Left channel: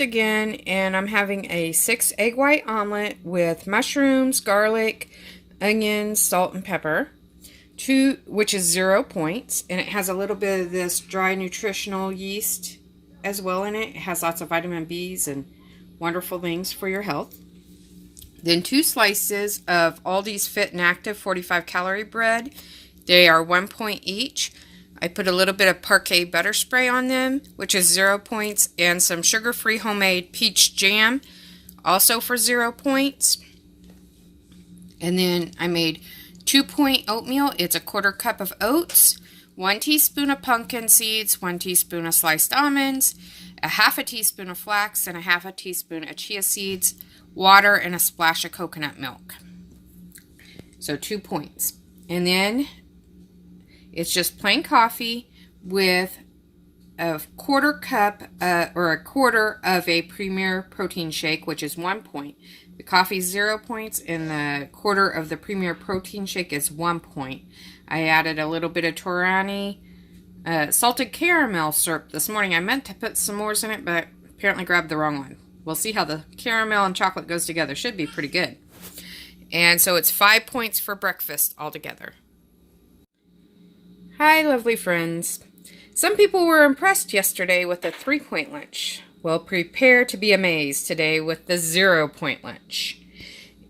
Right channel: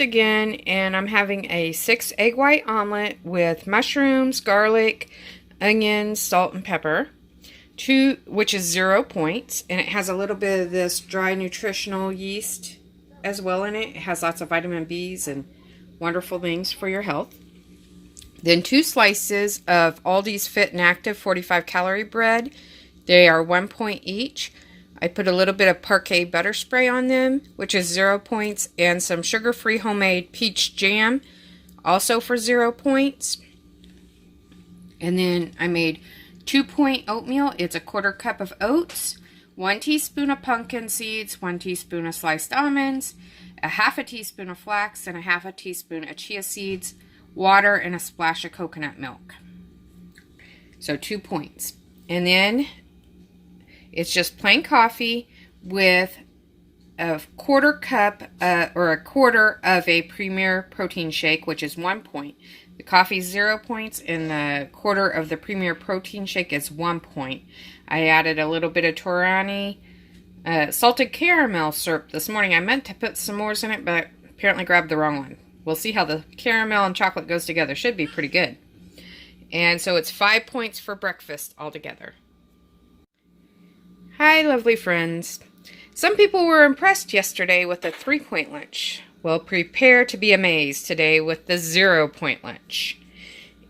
breakfast again, and I'm having a 6 egg white omelet with mushrooms, garlic, onions, salt, and pepper, which is 0 points, and it has a little bit of this dry nutritional yeast as well in it. It has lots of vitamin B's and wonderful things for your health. Then 2 slices of Aldi's Fit and Active 45 calorie bread. They are 1 point each. I put a little bit of Parquet butter spray on them, which is 0 points, and some sugar-free homemade peach jam, also for 0 points. And then I made 2-point oatmeal. It's a 1/4 cup of oats, 1 teaspoon of pumpkin seeds, 1 teaspoon of sliced almonds, a 1/2 teaspoon of flax, and a 1/2 teaspoon of chia seeds, water, and a splash of coconut milk. So 2 points. And then it's just plain coffee with a 1/4 cup or a 1/4 of a Premier protein shake, which is 1 point. The coffee is 0 points, and the 1/4 of the Premier protein shake is 1 point. I added a little bit of Torani salted caramel syrup this morning. I meant to put some more in it, but apparently grabbed the wrong one. We'll see how the caramel and chocolate goes together. Should be pretty good. And so it's 5 points for breakfast altogether. Hi, lovely friends. Some people were impressed yesterday with the 3-point lunch. Well, prepare to be amazed today with the 0-point lunch.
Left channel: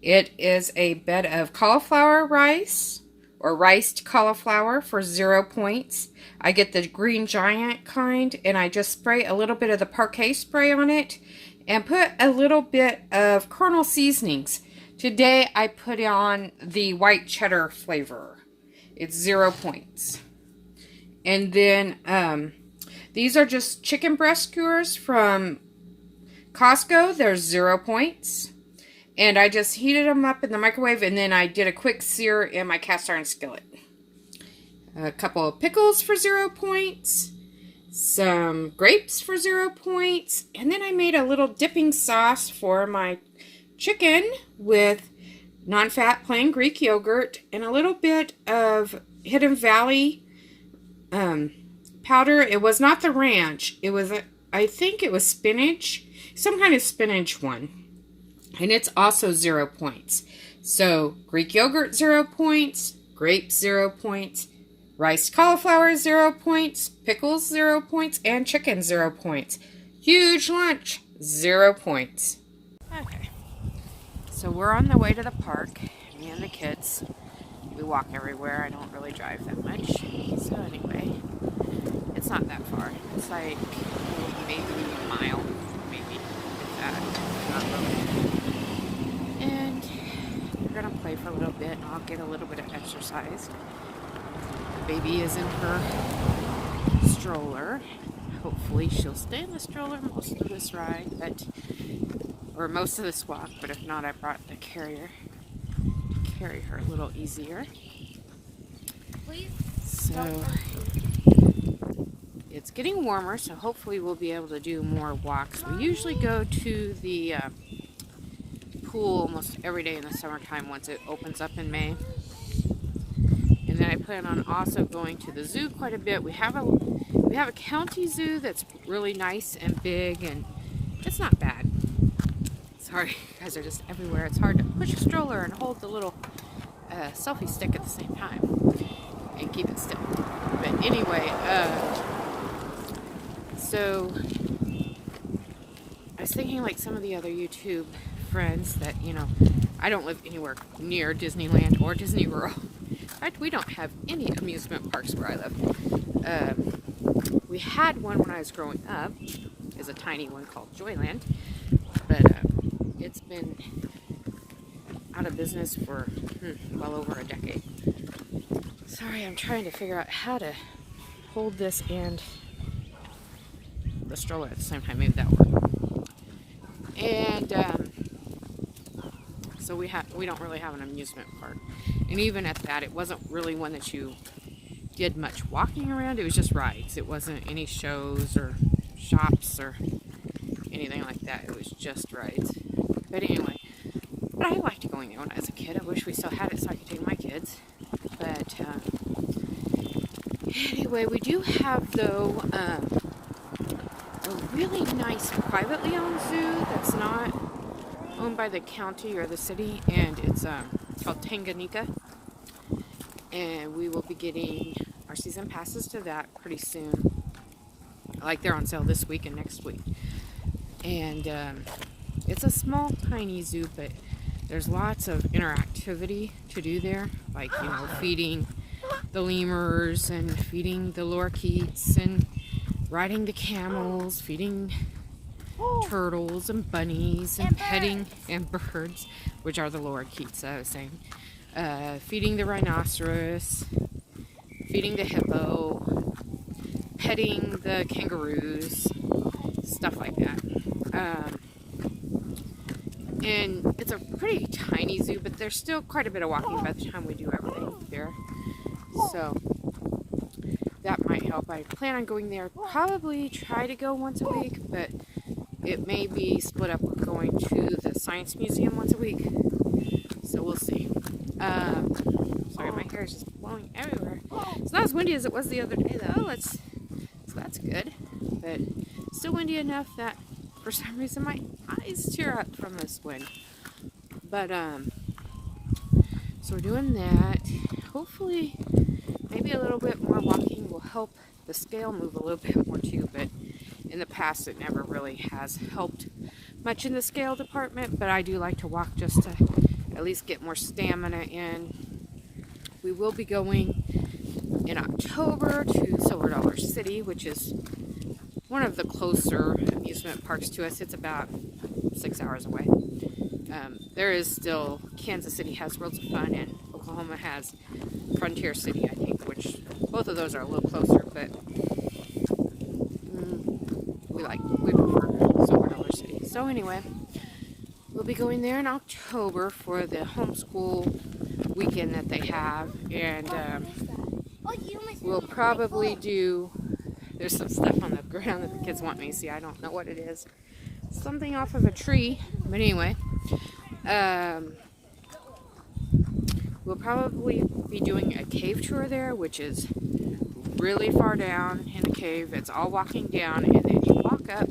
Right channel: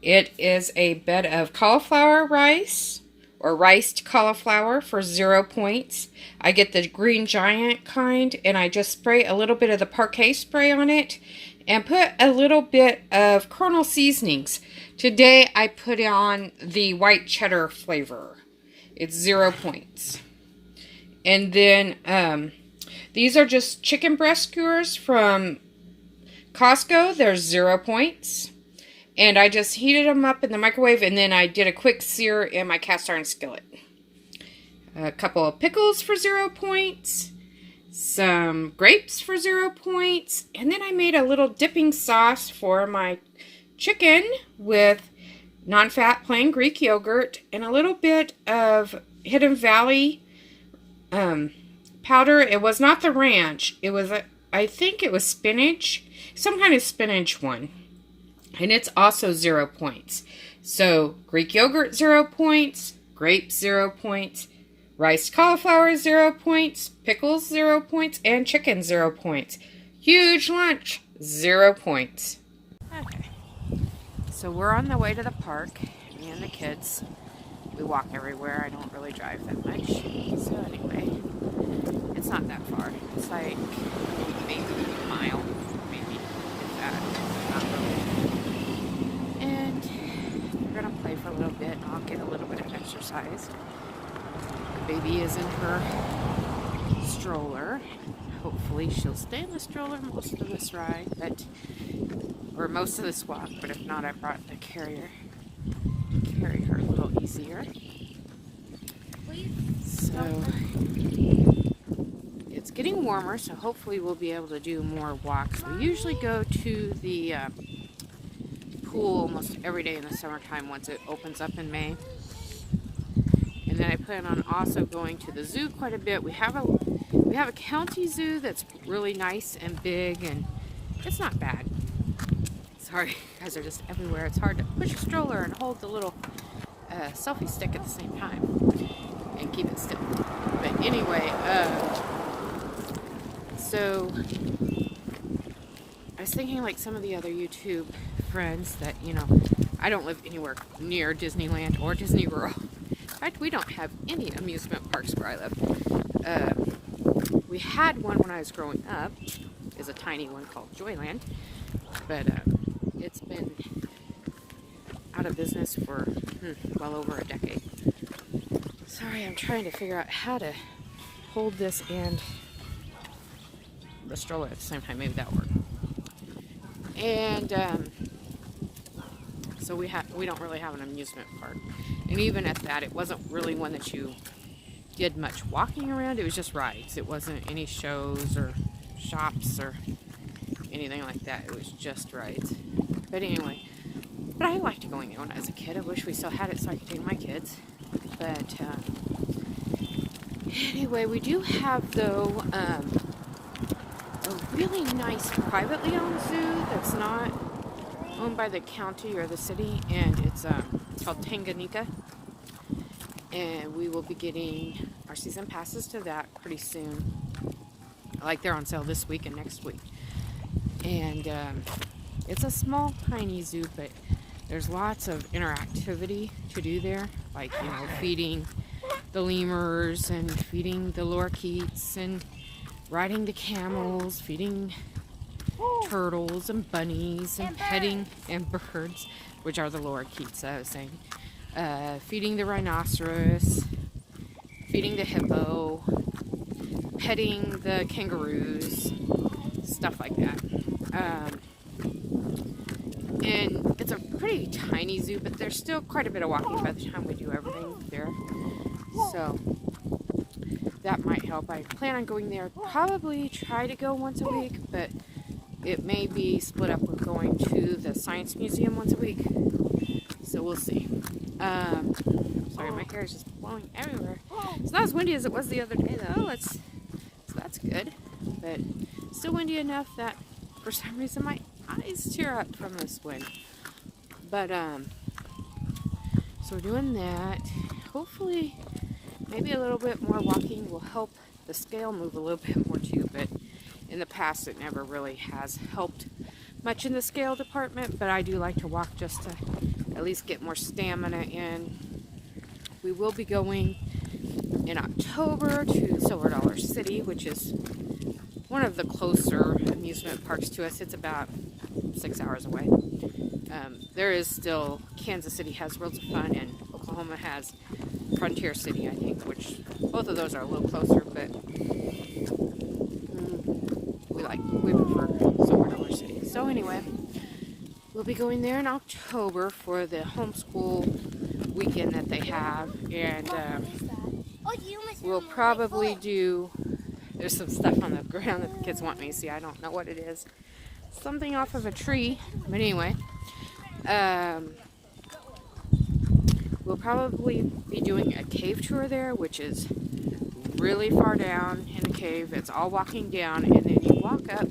It is a bed of cauliflower rice or riced cauliflower for 0 points. I get the Green Giant kind, and I just spray a little bit of the Parquet spray on it and put a little bit of Colonel seasonings. Today I put on the white cheddar flavor. It's 0 points. And then these are just chicken breast skewers from Costco. They're 0 points. And I just heated them up in the microwave, and then I did a quick sear in my cast iron skillet. A couple of pickles for 0 points. Some grapes for 0 points. And then I made a little dipping sauce for my chicken with non-fat plain Greek yogurt and a little bit of Hidden Valley powder. It was not the ranch. It was, I think it was spinach. Some kind of spinach one. And it's also 0 points. So Greek yogurt 0 points. Grapes 0 points. Riced cauliflower 0 points. Pickles 0 points. And chicken 0 points. Huge lunch. 0 points. Okay. So we're on the way to the park. Me and the kids. We walk everywhere. I don't really drive that much. So anyway, it's not that far. It's like maybe a mile, maybe if that. Not really. And we're gonna play for a little bit, and I'll get a little bit of exercise. The baby is in her stroller. Hopefully she'll stay in the stroller most of this ride, or most of this walk. But if not, I brought the carrier. Carry her a little easier. So it's getting warmer, so hopefully we'll be able to do more walks. We usually go to the pool almost every day in the summertime once it opens up in May. And then I plan on also going to the zoo quite a bit. We have a county zoo that's really nice and big, and it's not bad. Sorry, you guys are just everywhere. It's hard to push a stroller and hold the little selfie stick at the same time and keep it still. But anyway, so I was thinking like some of the other YouTube friends that, I don't live anywhere near Disneyland or Disney World. In fact, we don't have any amusement parks where I live. We had one when I was growing up. It's a tiny one called Joyland. But it's been out of business for well over a decade. Sorry, I'm trying to figure out how to hold this and the stroller at the same time. Maybe that'll work. And so we don't really have an amusement park. And even at that, it wasn't really one that you did much walking around. It was just rides. It wasn't any shows or shops or anything like that. It was just rides. But anyway, I liked going there when I was a kid. I wish we still had it so I could take my kids. But anyway, we do have, though, a a really nice privately owned zoo that's not owned by the county or the city, and it's called Tanganyika. And we will be getting our season passes to that pretty soon. Like, they're on sale this week and next week. And it's a small, tiny zoo, but there's lots of interactivity to do there. Like, you know, feeding the lemurs and feeding the lorikeets and riding the camels, feeding turtles and bunnies and petting and birds, which are the lorikeets, I was saying. Feeding the rhinoceros, feeding the hippo, petting the kangaroos, stuff like that. And it's a pretty tiny zoo, but there's still quite a bit of walking by the time we do everything there. So that might help. I plan on going there, probably try to go once a week, but it may be split up with going to the Science Museum once a week. So we'll see. Sorry, my hair is just blowing everywhere. It's not as windy as it was the other day, though. So that's good. But still windy enough that for some reason my eyes tear up from this wind. But so we're doing that. Hopefully, maybe a little bit more walking will help the scale move a little bit more too. But in the past, it never really has helped much in the scale department. But I do like to walk just to at least get more stamina in. We will be going in October to Silver Dollar City, which is one of the closer amusement parks to us. It's about 6 hours away. There is still, Kansas City has Worlds of Fun, and Oklahoma has Frontier City, I think, which both of those are a little closer, but we prefer Silver Dollar City. So anyway, we'll be going there in October for the homeschool weekend that they have, and we'll probably do, there's some stuff on the ground that the kids want me to see. I don't know what it is. Something off of a tree, but anyway, we'll probably be doing a cave tour there, which is really far down in the cave. It's all walking down, and then you walk up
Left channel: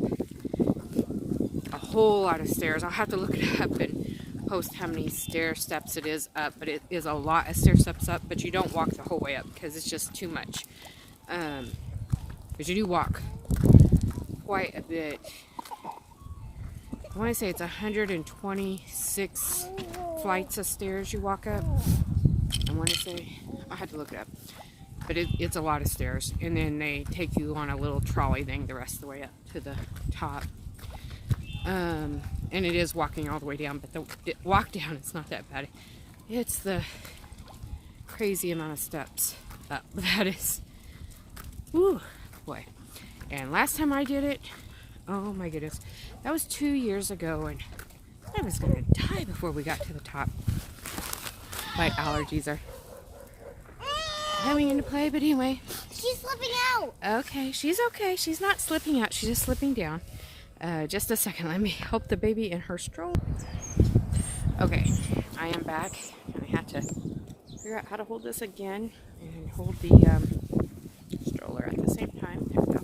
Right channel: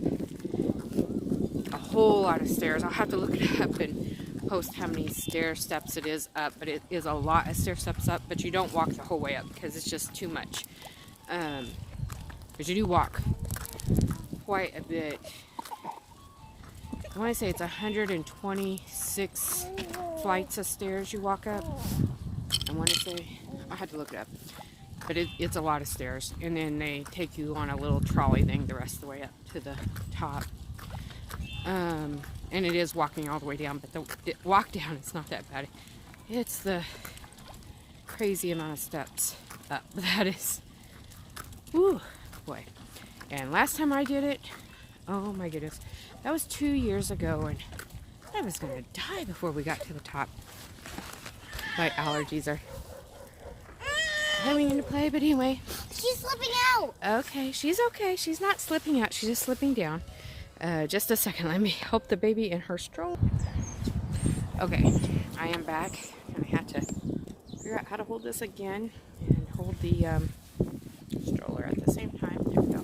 a whole lot of stairs. I'll have to look it up and post how many stair steps it is up, but it is a lot of stair steps up, but you don't walk the whole way up because it's just too much. But you do walk quite a bit. I want to say it's 126 flights of stairs you walk up. I want to say, I had to look it up, but it's a lot of stairs, and then they take you on a little trolley thing the rest of the way up to the top. And it is walking all the way down, but the walk down, it's not that bad. It's the crazy amount of steps up that is. Whew, boy. And last time I did it, oh my goodness, that was 2 years ago, and I was going to die before we got to the top. My allergies are coming into play, but anyway. She's slipping out. Okay, she's okay. She's not slipping out. She's just slipping down. Just a second. Let me help the baby in her stroller. Okay, I am back, and I have to figure out how to hold this again and hold the stroller at the same time. There we go.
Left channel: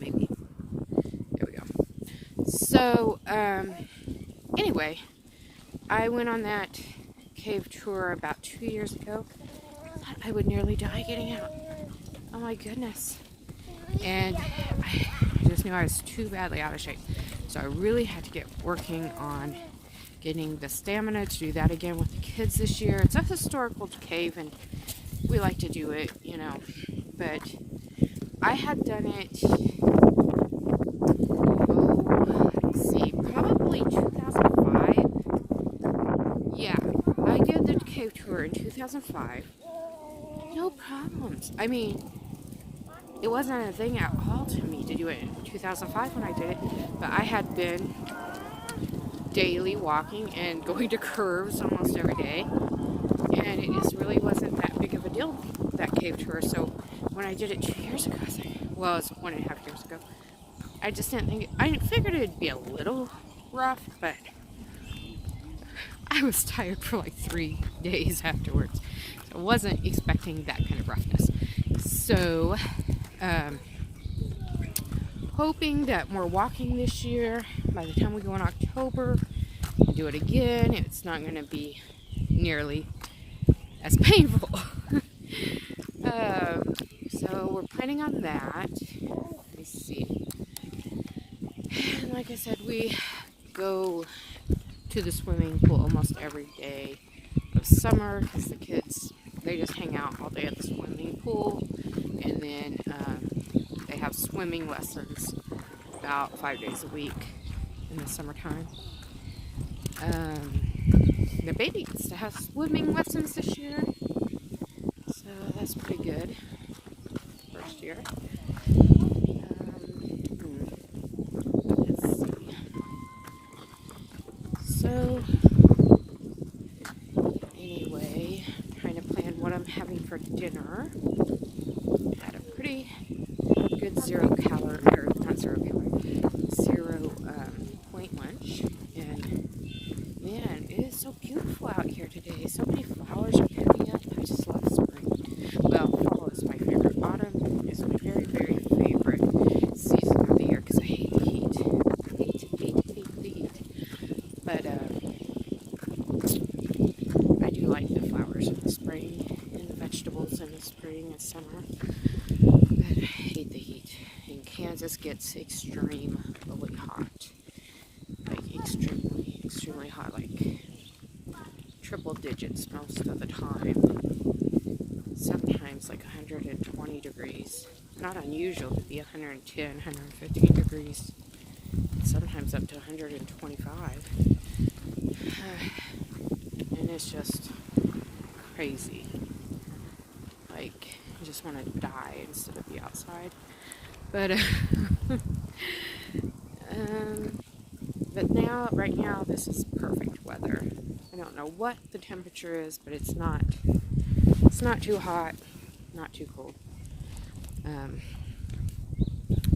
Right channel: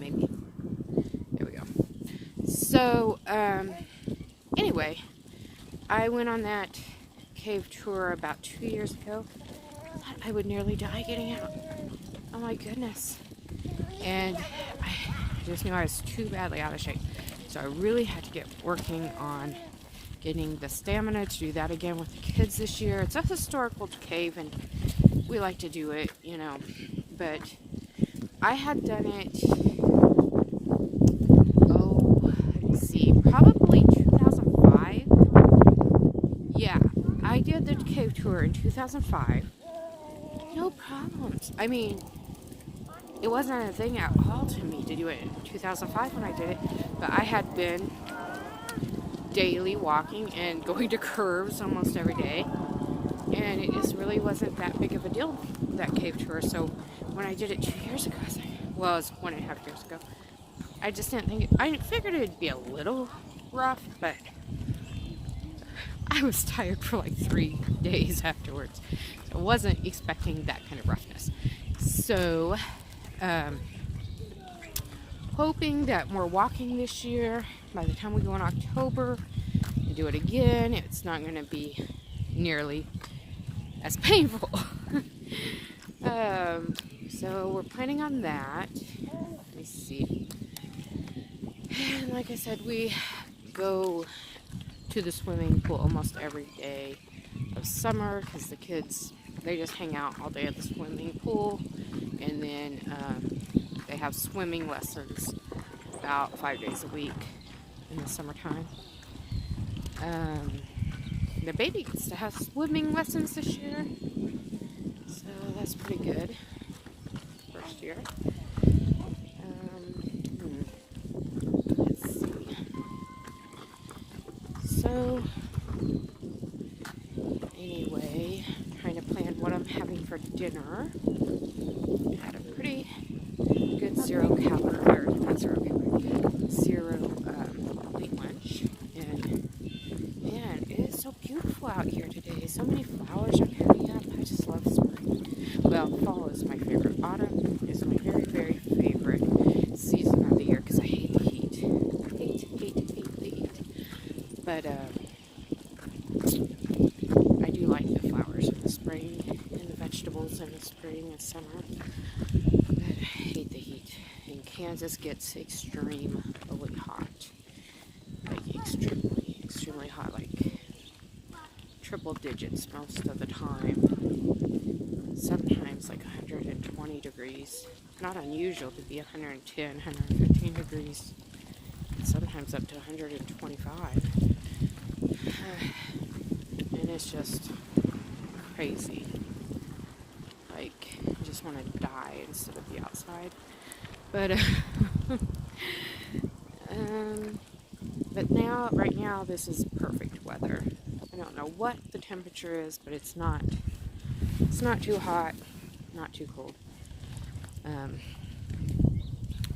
Maybe. There we go. So, anyway, I went on that cave tour about 2 years ago. I would nearly die getting out. Oh my goodness. And I just knew I was too badly out of shape. So I really had to get working on getting the stamina to do that again with the kids this year. It's a historical cave, and we like to do it, you know. But I had done it, let's see, probably 2005. Yeah, I did the cave tour in 2005. No problems. I mean, it wasn't a thing at all to me to do it in 2005 when I did it, but I had been daily walking and going to curves almost every day, and it just really wasn't that big of a deal, that cave tour. So when I did it 2 years ago, I was like, well, it was 1.5 years ago, I just didn't think, I figured it'd be a little rough, but I was tired for like 3 days afterwards, so I wasn't expecting that kind of roughness. So hoping that more walking this year. By the time we go in October and do it again, it's not going to be nearly as painful. So we're planning on that. Let me see. And like I said, we go to the swimming pool almost every day of summer because the kids, they just hang out all day at the swimming pool, and then they have swimming lessons about 5 days a week in the summertime. The baby gets to have swimming lessons this year, so that's pretty good. First year. Let's see. So anyway, trying to plan what I'm having for dinner. Had a pretty good zero point lunch, and man, it is so beautiful out here today. So many flowers are coming up. I just love spring. Well, fall is my favorite. Autumn is my very, very favorite season of the year because I hate the heat. Hate the heat. But I do like the flowers in the spring and the vegetables in the spring and summer. But I hate the heat. And Kansas gets extremely hot. Like extremely hot, like triple digits most of the time. Sometimes like 120 degrees. Not unusual to be 110, 115 degrees. Sometimes up to 125. And it's just crazy. Like, I just want to die instead of be outside. But, but now, right now, this is perfect weather. I don't know what the temperature is, but it's not too hot, not too cold.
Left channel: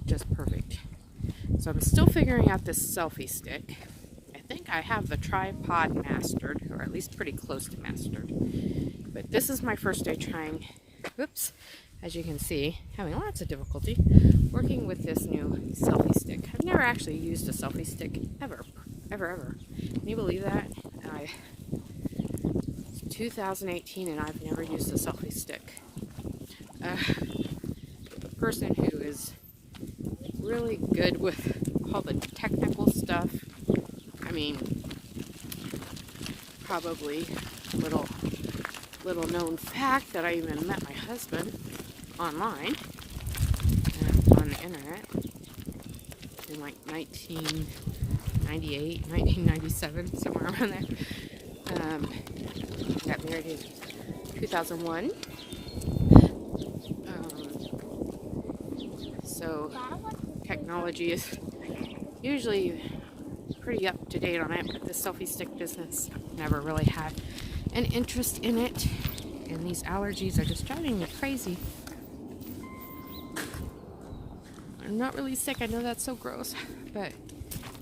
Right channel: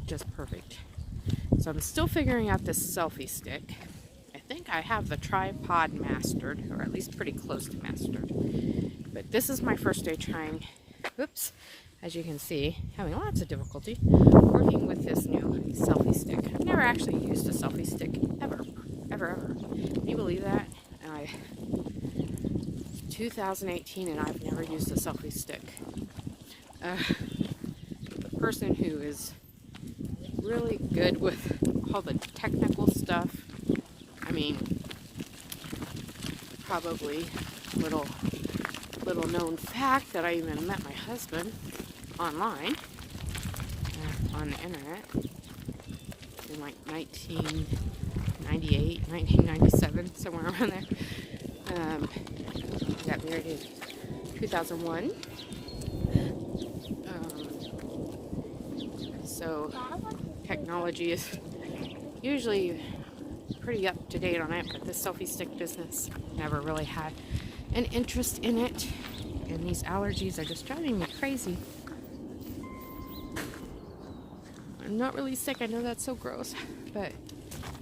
Just perfect. So I'm still figuring out this selfie stick. I think I have the tripod mastered, or at least pretty close to mastered. But this is my first day trying, whoops, as you can see, having lots of difficulty working with this new selfie stick. I've never actually used a selfie stick ever. Can you believe that? It's 2018 and I've never used a selfie stick. The person who is really good with all the technical stuff, I mean, probably little known fact that I even met my husband online on the internet in like 1998, 1997, somewhere around there. I got married in 2001. So technology is usually pretty up to date on it, but this selfie stick business never really had an interest in it, and these allergies are just driving me crazy. I'm not really sick, I know that's so gross, but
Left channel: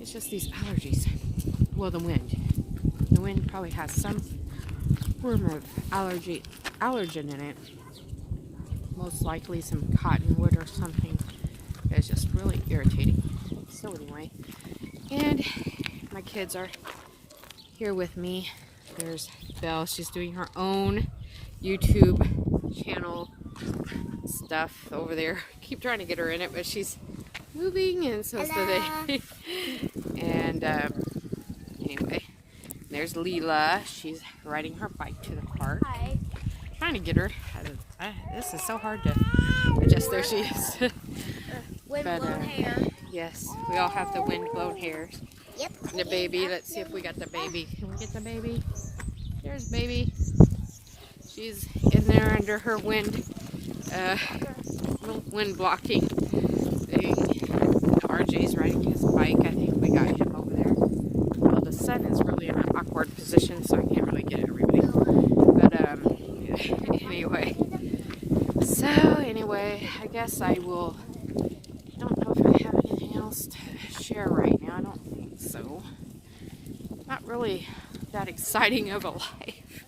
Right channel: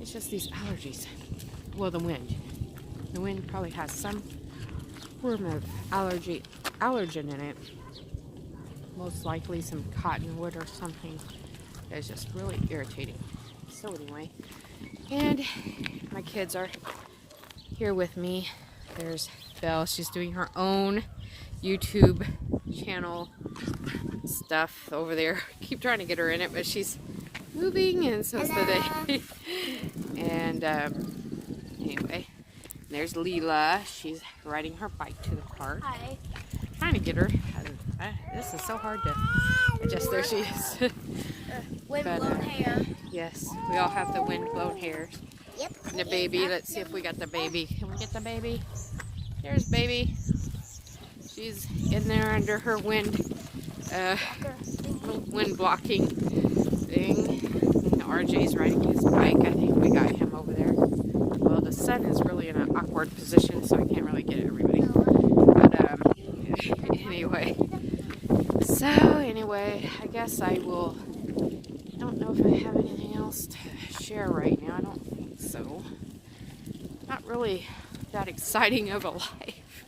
it's just these allergies. Well, the wind probably has some form of allergen in it, most likely some cottonwood or something. It's just really irritating. So anyway, and my kids are here with me. There's Belle. She's doing her own YouTube channel stuff over there. Keep trying to get her in it, but she's moving, and so is today. And anyway, there's Leela. She's riding her bike to the park. Hi. Trying to get her. This is so hard to adjust. There she is. Windblown hair. Yes, we all have the windblown hair. Yep. And the baby. Let's see if we got the baby. Can we get the baby? There's baby. She's in there under her wind blocking thing. RG's riding his bike. I think we got him over there. Well, the sun is really in an awkward position, so I can't really get everybody. But anyway. So anyway, I guess I will. I don't know if I have anything else to share right now. I don't think so. Not really that exciting of a life.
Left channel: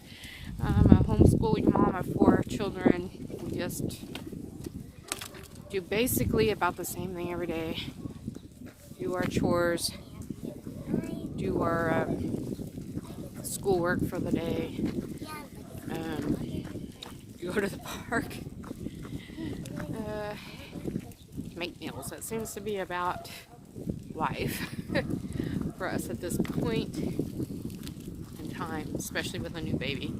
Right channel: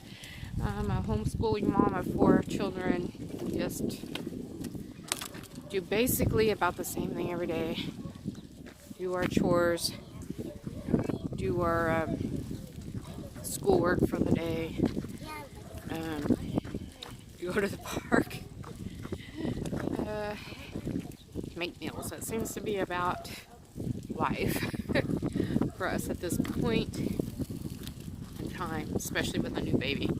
I'm a homeschooling mom of 4 children. Just do basically about the same thing every day. do our chores, do our schoolwork for the day, go to the park, make meals. That seems to be about life for us at this point in time, especially with a new baby.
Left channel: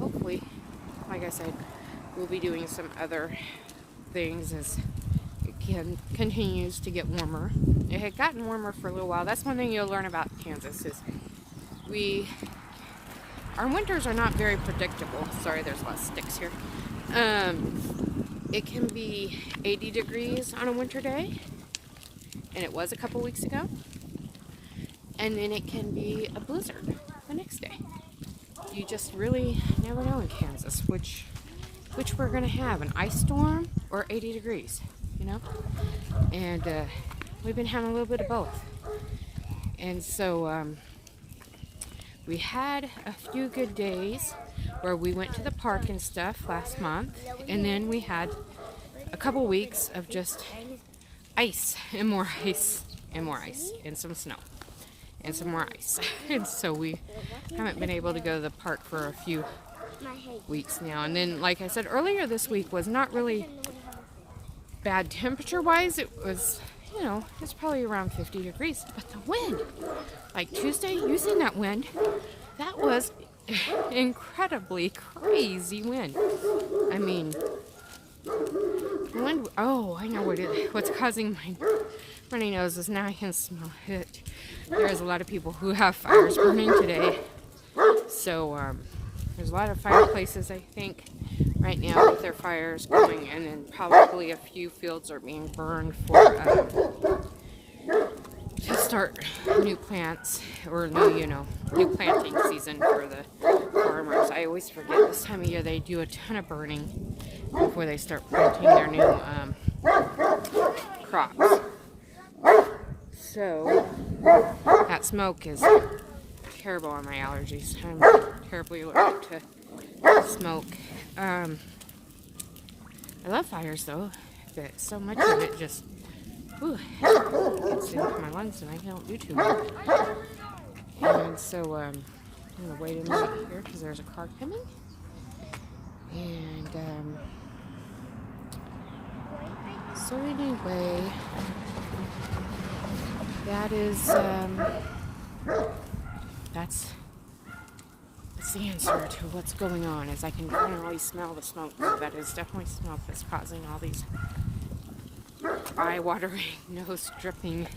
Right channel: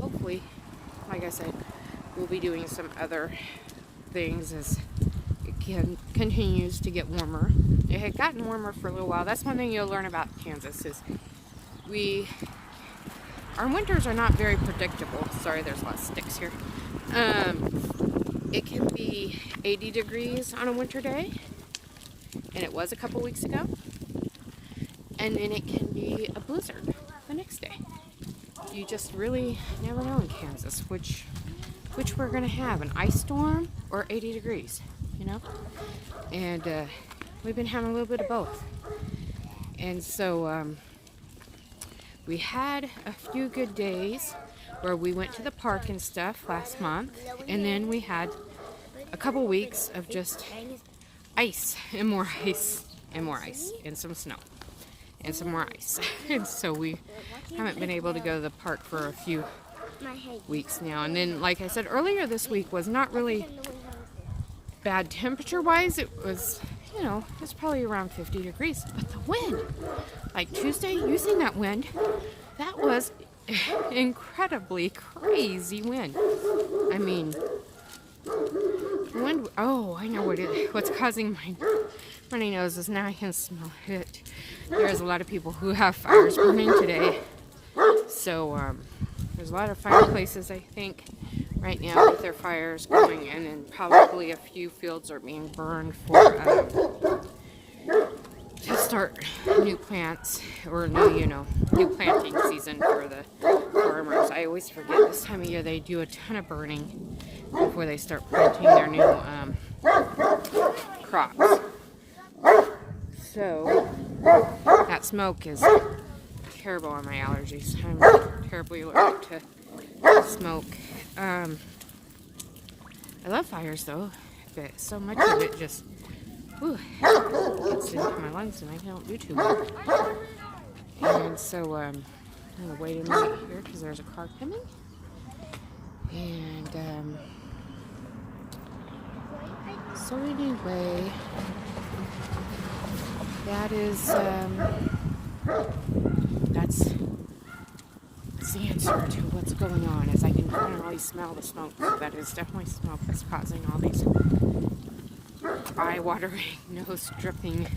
Hopefully, like I said, we'll be doing some other things as it continues to get warmer. It had gotten warmer for a little while. That's one thing you'll learn about Kansas is our winters are not very predictable. Sorry, there's a lot of sticks here. It can be 80 degrees on a winter day, and it was a couple weeks ago. And then it can be a blizzard the next day. You just really never know in Kansas which we're gonna have, an ice storm or 80 degrees, you know? And we've been having a little bit of both. And so we had a few good days where we went to the park and stuff last month, and then we had a couple weeks of just ice and more ice and more ice and some snow and some more ice. And so we haven't been able to go to the park for a few weeks now. And then, like I said earlier, this week was not really bad temperature wise. It was, you know, it's probably around 50 degrees, but the wind, like Tuesday, you seen that wind? That was incredibly crazy wind. I mean, wind. Oh, I know what's causing my runny nose is now I can smell it. There's a lot of people who have fires burning today. So there's a lot of fireplaces, I think, right now with their fires going, and then probably a few fields are being burned for to start new plants or new planting season for the farmers. I always forget this time of year they do a ton of burning before they start planting their new crops. So that smoke is terrible on my allergies. I'm terribly allergic to smoke. I love fires though, but so much of it just gets into my lungs and I don't do too well. And so I'm gonna wait a minute here because there's a car coming. And so anyway, that is that's the answer to what's going on. Is I can finally smell the smoke. That is definitely smoke that's causing all these eye-watering, nose-dripping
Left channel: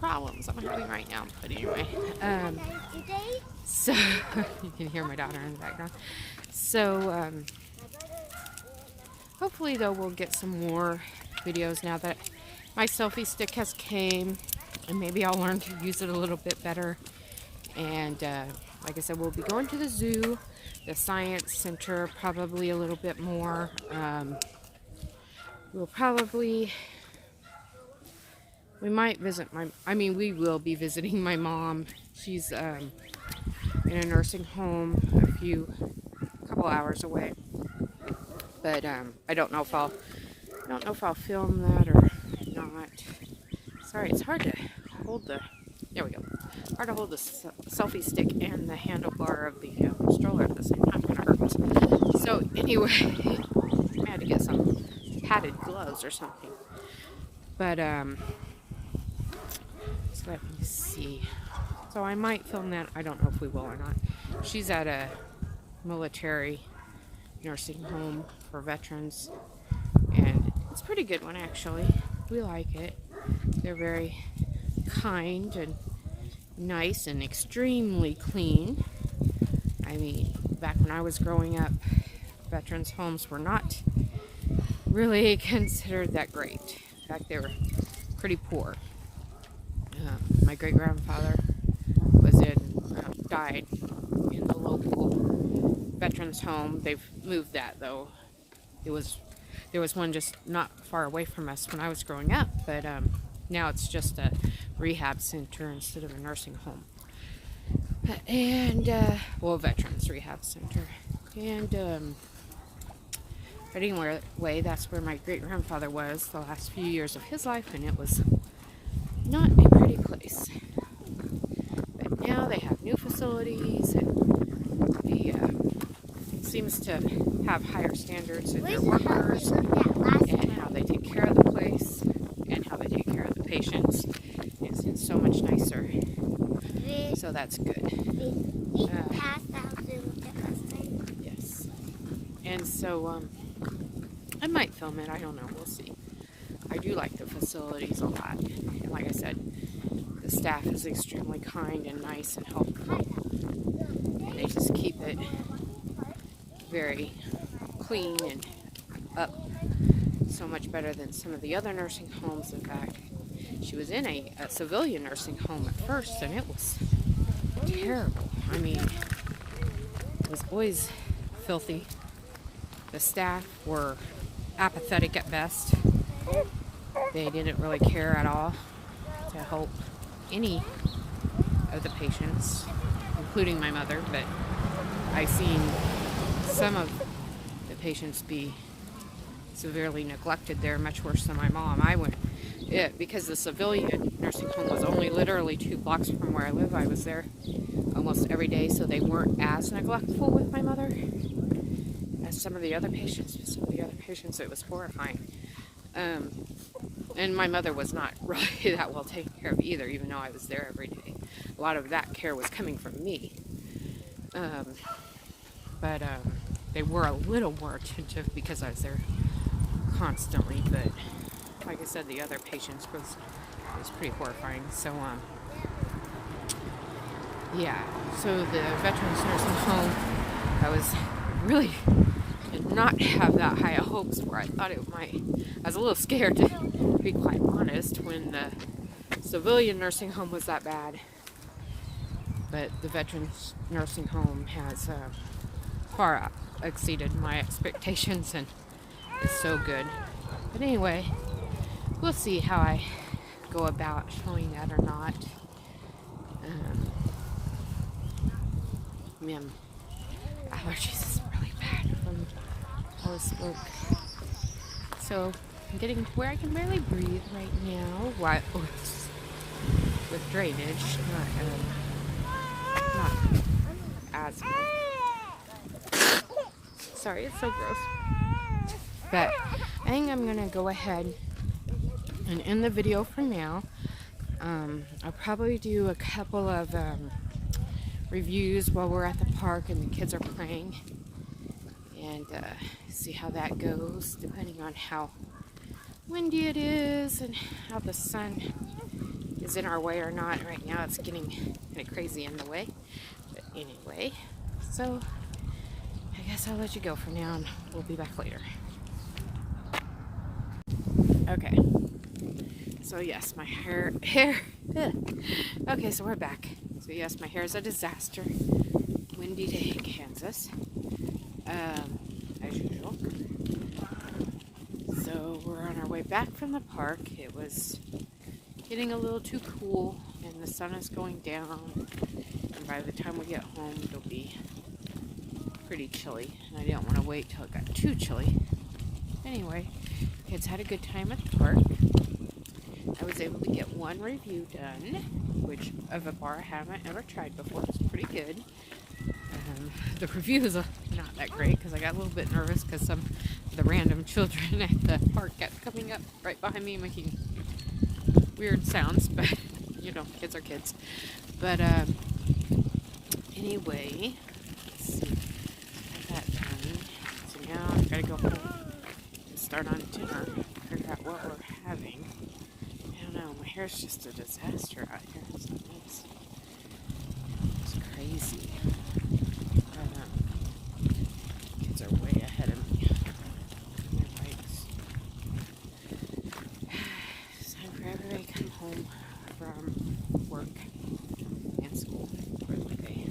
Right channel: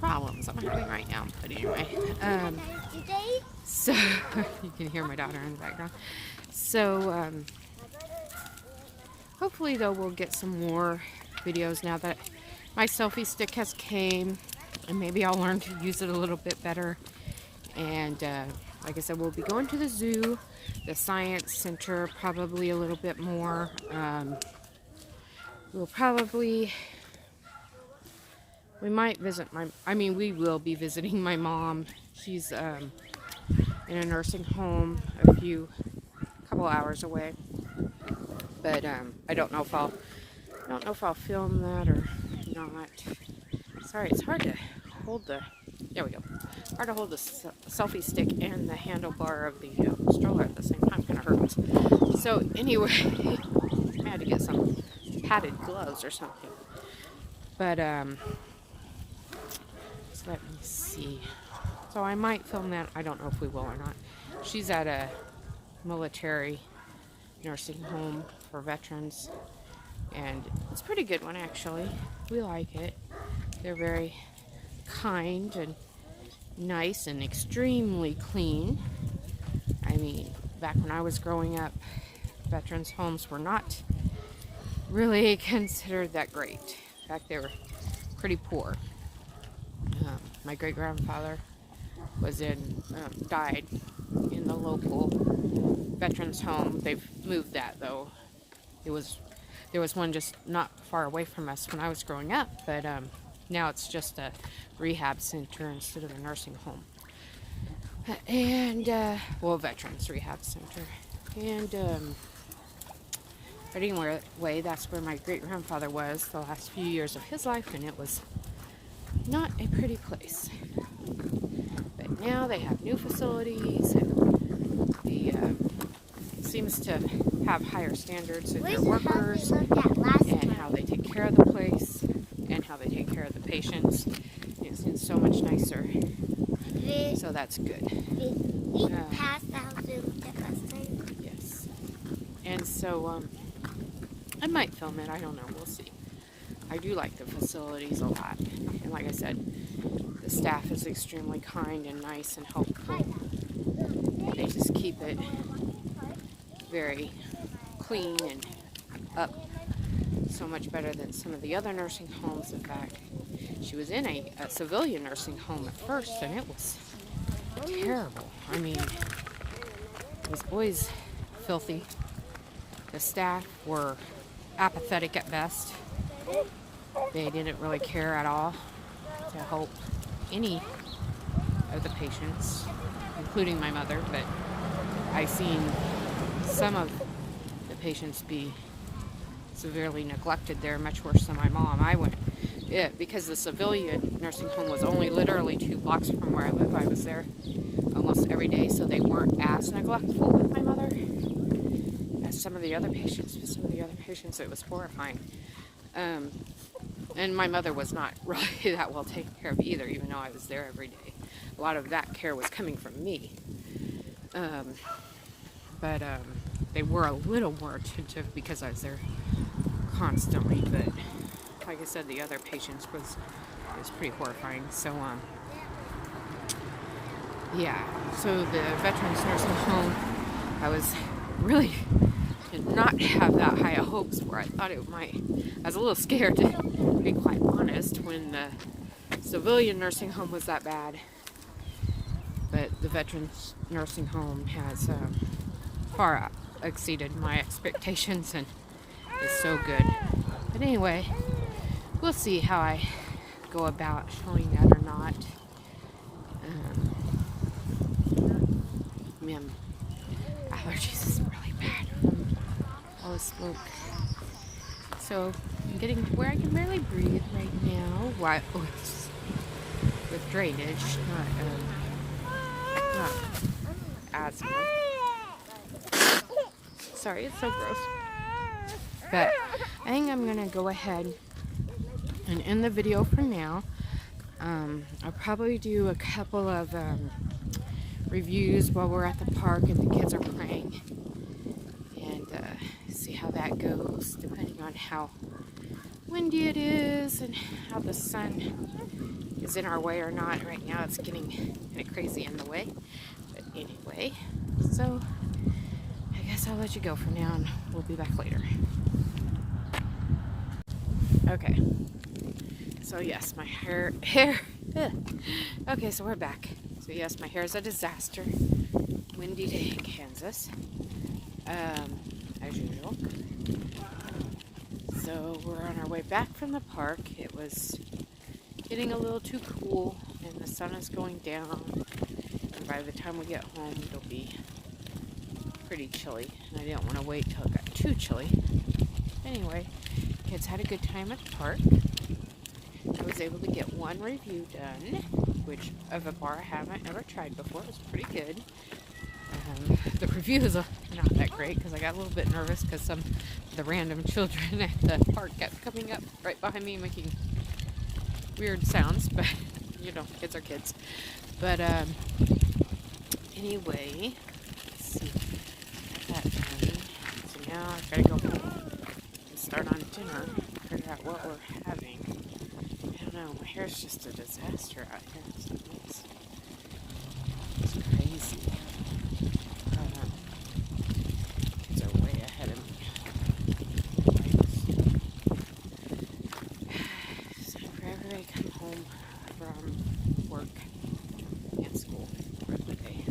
problems I'm having right now. But anyway, so you can hear my daughter in the background. So hopefully though we'll get some more videos now that my selfie stick has came, and maybe I'll learn to use it a little bit better. And like I said, we'll be going to the zoo, the science center, probably a little bit more. We might visit we will be visiting my mom. She's in a nursing home a couple hours away. But I don't know if I'll film that or not. Sorry, it's hard to hold there we go. Hard to hold the selfie stick and the handlebar of the stroller at the same time. Kind of hurts. So anyway, I had to get some padded gloves or something. But so let me see. So I might film that. I don't know if we will or not. She's at a military nursing home for veterans, and it's a pretty good one actually. We like it. They're very kind and nice and extremely clean. I mean, back when I was growing up, veterans homes were not really considered that great. In fact, they were pretty poor. My great-grandfather died in the local veterans home. They've moved that though. There was one just not far away from us when I was growing up, but now it's just a rehab center instead of a nursing home. And, veterans rehab center. And, but anyway, that's where my great-grandfather was the last few years of his life, and it was not a pretty place. But now they have new facilities, and the seems to have higher standards in their workers and how they take care of the place and how they take care of the patients. It's so much nicer. So that's good. Yes. And so I might film it. I don't know. We'll see. I do like the facilities a lot. And like I said, the staff is extremely kind and nice and helpful. They just keep it very clean and up, so much better than some of the other nursing homes. In fact, she was in a civilian nursing home at first, and it was terrible. I mean, it was always filthy. The staff were apathetic at best. They didn't really care at all to help any of the patients, including my mother, but I've seen some of the patients be severely neglected there, much worse than my mom. Because the civilian nursing home was only literally 2 blocks from where I live. I was there almost every day, so they weren't as neglectful with my mother as some of the other patients. Some of the other patients, it was horrifying. And my mother was not really that well taken care of either, even though I was there every day. A lot of that care was coming from me. But they were a little more attentive because I was there constantly. But like I said, the other patients was pretty horrifying. So yeah. So the veterans nursing home, I did not have that high of hopes for. I thought it might. I was a little scared, to be quite honest, when the civilian nursing home was that bad. But the veterans nursing home has far exceeded my expectations and is so good. But anyway, we'll see how I go about showing that or not. Man, allergies is really bad from all the smoke. So I'm getting to where I can barely breathe right now. With drainage, not asthma. Sorry, it's so gross. But I think I'm gonna go ahead and end the video for now. I'll probably do a couple of reviews while we're at the park and the kids are playing, and see how that goes, depending on how windy it is and how the sun is in our way or not. Right now it's getting kind of crazy in the way, but anyway, so I guess I'll let you go for now and we'll be back later. Okay, so yes, my hair okay, so we're back. So yes, my hair is a disaster. Windy day in Kansas, as usual. So we're on our way back from the park. It was getting a little too cool and the sun is going down, and by the time we get home it'll be pretty chilly, and I didn't want to wait till it got too chilly. Anyway, kids had a good time at the park. I was able to get one review done, which of a bar I haven't ever tried before. It's pretty good. The reviews are not that great because I got a little bit nervous because some of the random children at the park kept coming up right behind me making weird sounds, but you know, kids are kids. But anyway, let's see. Got that done. So now I've got to go home and start on dinner, figure out what we're having. I don't know, my hair's just a disaster out here. It's crazy. Kids are way ahead of me. It's time for everybody to come home from work and school for the day.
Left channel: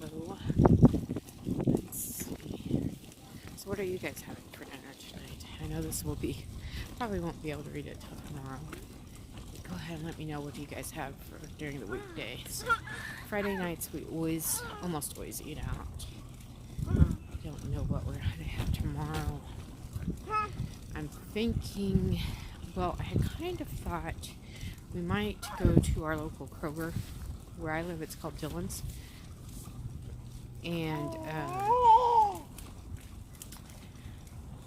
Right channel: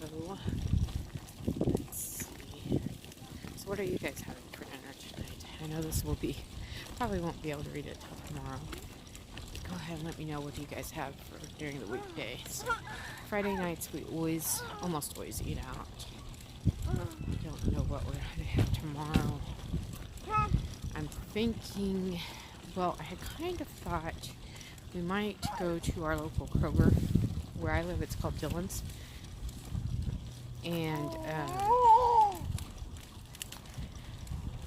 So, let's see. So what are you guys having for dinner tonight? I know this will be, probably won't be able to read it till tomorrow. Go ahead and let me know what you guys have for during the weekdays. Friday nights we almost always eat out. I don't know what we're going to have tomorrow. I'm thinking, well, I had kind of thought we might go to our local Kroger. Where I live, it's called Dillon's. And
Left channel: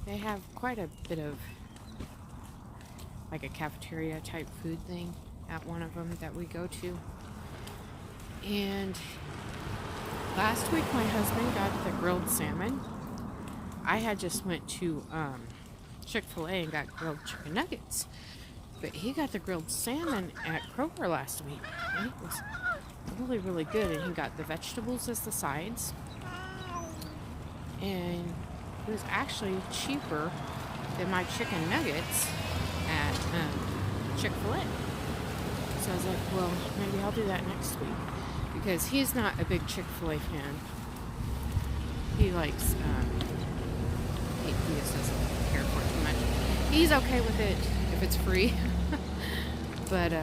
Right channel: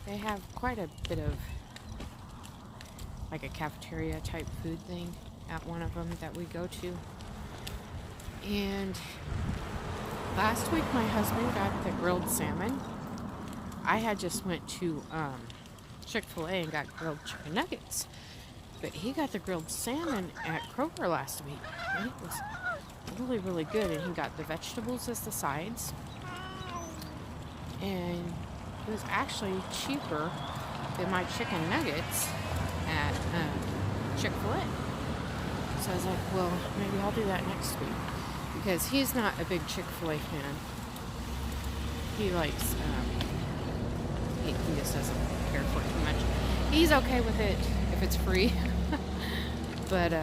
they have quite a bit of like a cafeteria type food thing at one of them that we go to. And last week my husband got the grilled salmon. I had just went to Chick-fil-A and got grilled chicken nuggets. But he got the grilled salmon at Kroger last week. And it was really, really good. And he got the vegetables as the sides. And it was actually cheaper than my chicken nuggets at Chick-fil-A. So I was like, well, maybe I'll do that next week. Because he's not a big Chick-fil-A fan. He likes, he just doesn't care for it too much. He's okay with it if it's free. But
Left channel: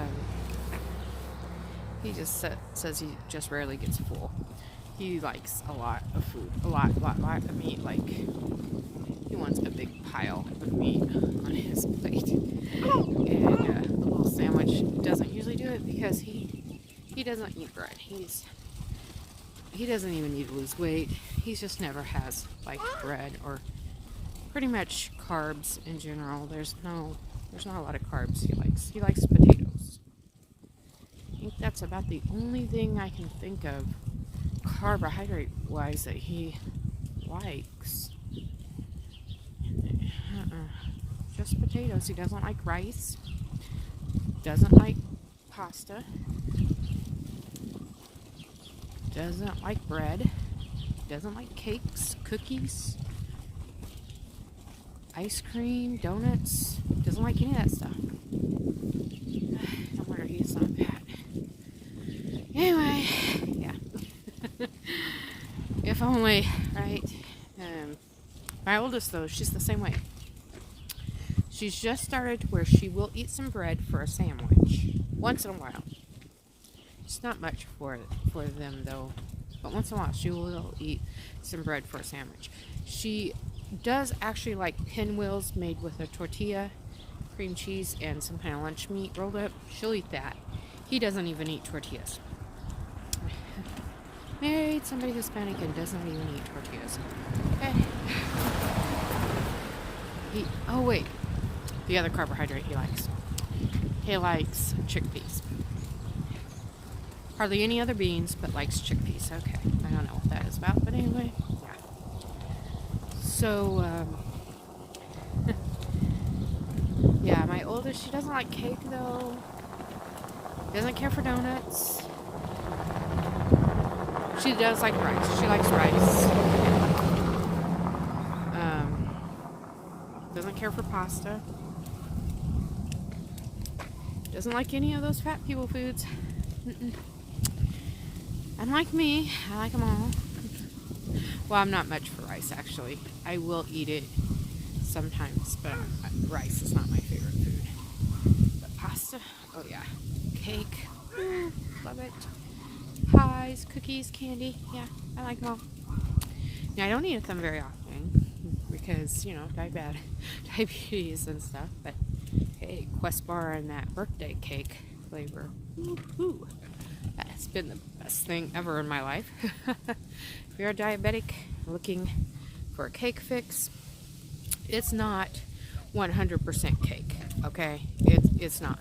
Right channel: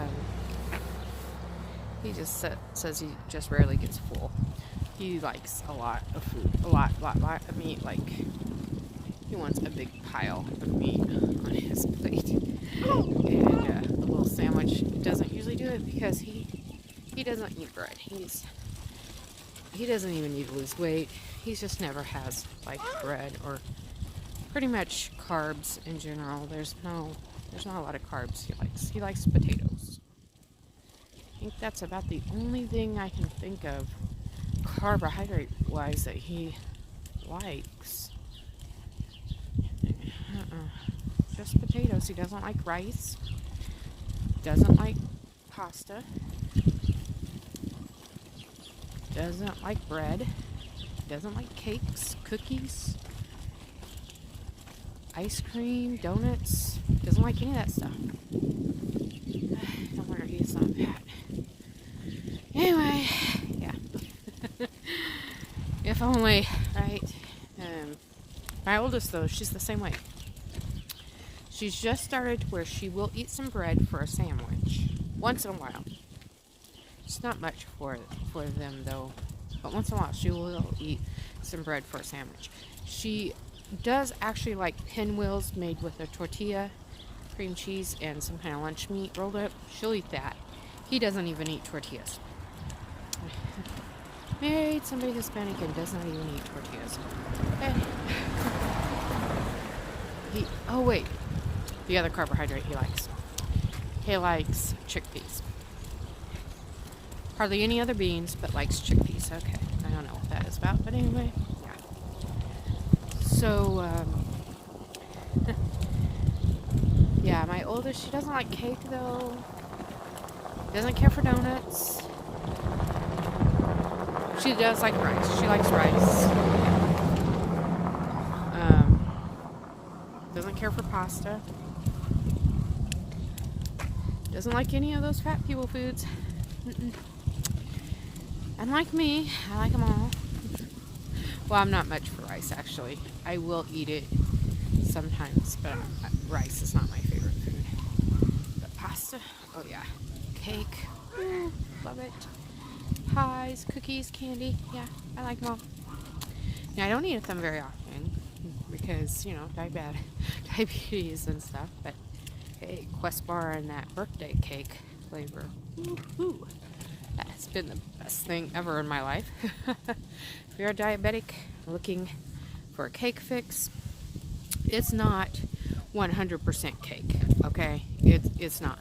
he just says he just rarely gets full. He likes a lot of food. A lot of meat. Like, he wants a big pile of meat on his plate. And a little sandwich doesn't usually do it because he doesn't eat bread. He doesn't even need to lose weight. He just never has liked bread or pretty much carbs in general. There's not a lot of carbs he likes. He likes potatoes. I think that's about the only thing I can think of carbohydrate wise that he likes. Just potatoes. He doesn't like rice. Doesn't like pasta. Doesn't like bread. Doesn't like cakes, cookies, ice cream, donuts. Doesn't like any of that stuff. No wonder he's not fat. Anyway, yeah. If only, right? My oldest, though, she's the same way. She's just started to where she will eat some bread for a sandwich once in a while. It's not much for them, though. But once in a while, she will eat some bread for a sandwich. She does actually like pinwheels made with a tortilla, cream cheese, and some kind of lunch meat rolled up. She'll eat that. He doesn't even eat tortillas. Married somebody Hispanic and does not even eat tortillas. Okay. Oh wait, the other carbohydrate he likes. He likes chickpeas. Hardly any other beans, but likes chickpeas. Okay, I don't know what that is about, but anyway, yeah. So, yeah, my oldest, she doesn't like cake though. Doesn't care for donuts. She does like rice. She likes rice. Doesn't care for pasta. Doesn't like any of those fat people foods. Unlike me, I like them all. Well, I'm not much for rice, actually. I will eat it sometimes, but rice is not my favorite food. But pasta, oh yeah. Cake, ooh, love it. Pies, cookies, candy, yeah, I like them all. Now, I don't eat them very often because, you know, diabetes and stuff, but hey, Quest Bar and that birthday cake flavor, ooh. That's been the best thing ever in my life. If you're a diabetic looking for a cake fix, it's not 100% cake, okay? It's not.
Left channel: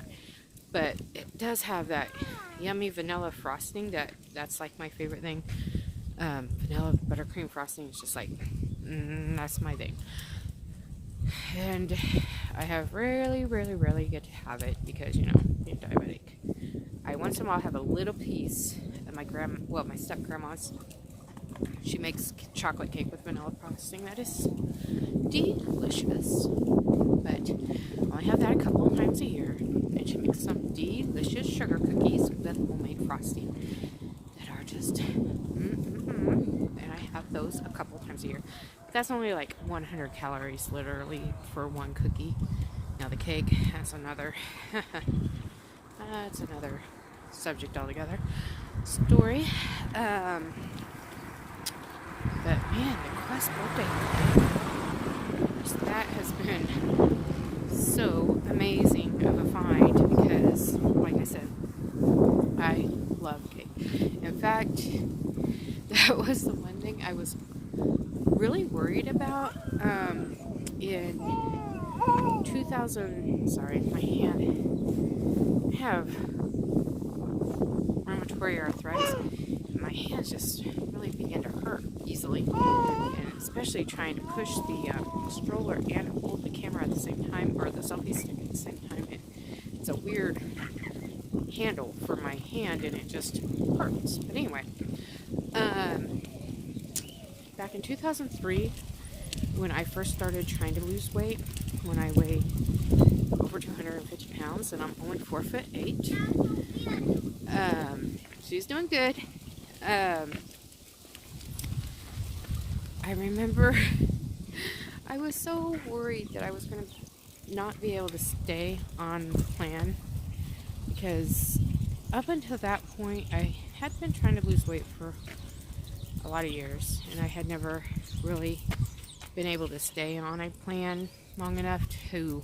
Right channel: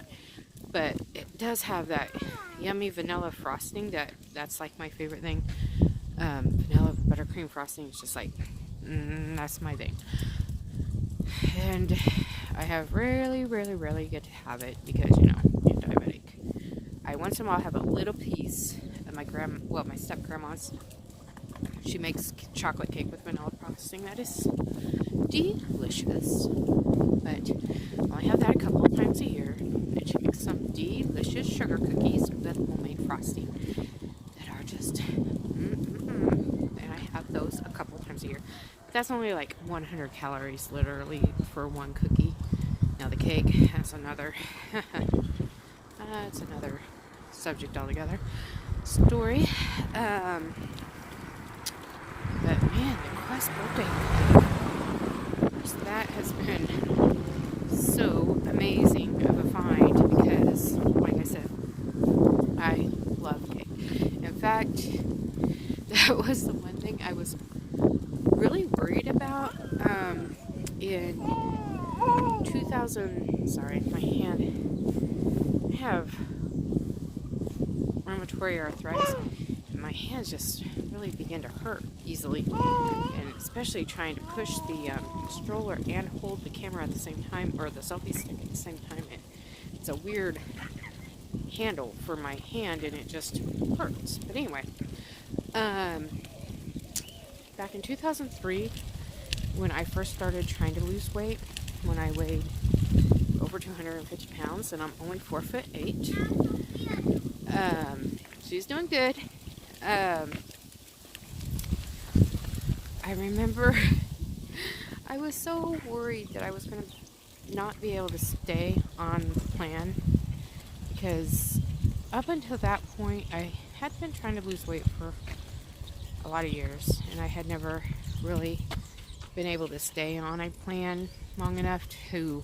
But it does have that yummy vanilla frosting that's like my favorite thing. Vanilla buttercream frosting is just like, that's my thing. And I have really get to have it because, you know, I'm diabetic. I once in a while have a little piece of my step-grandma's. She makes chocolate cake with vanilla frosting. That is delicious. But I only have that a couple of times a year. And she makes some delicious sugar cookies with homemade frosting that are just, and I have those a couple of times a year. But that's only like 100 calories, literally, for one cookie. Now the cake has another, it's another subject altogether. Story. But man, the Quest birthday cake are watchers, that has been so amazing of a find because, like I said, I love cake. In fact, that was the one thing I was really worried about in 2000. Sorry, my hand. I have rheumatoid arthritis. My hands just really begin to hurt easily, and especially trying to push the stroller and hold the camera at the same time, or the selfie stick at the same time. It's a weird handle for my hand, and it just hurts. But anyway, back in 2003, when I first started trying to lose weight, when I weighed over 250 pounds, and I'm only 4'8". She's doing good. I remember I was so worried that I was going to not be able to stay on the plan, because up until that point I had been trying to lose weight for a lot of years, and I had never really been able to stay on a plan long enough to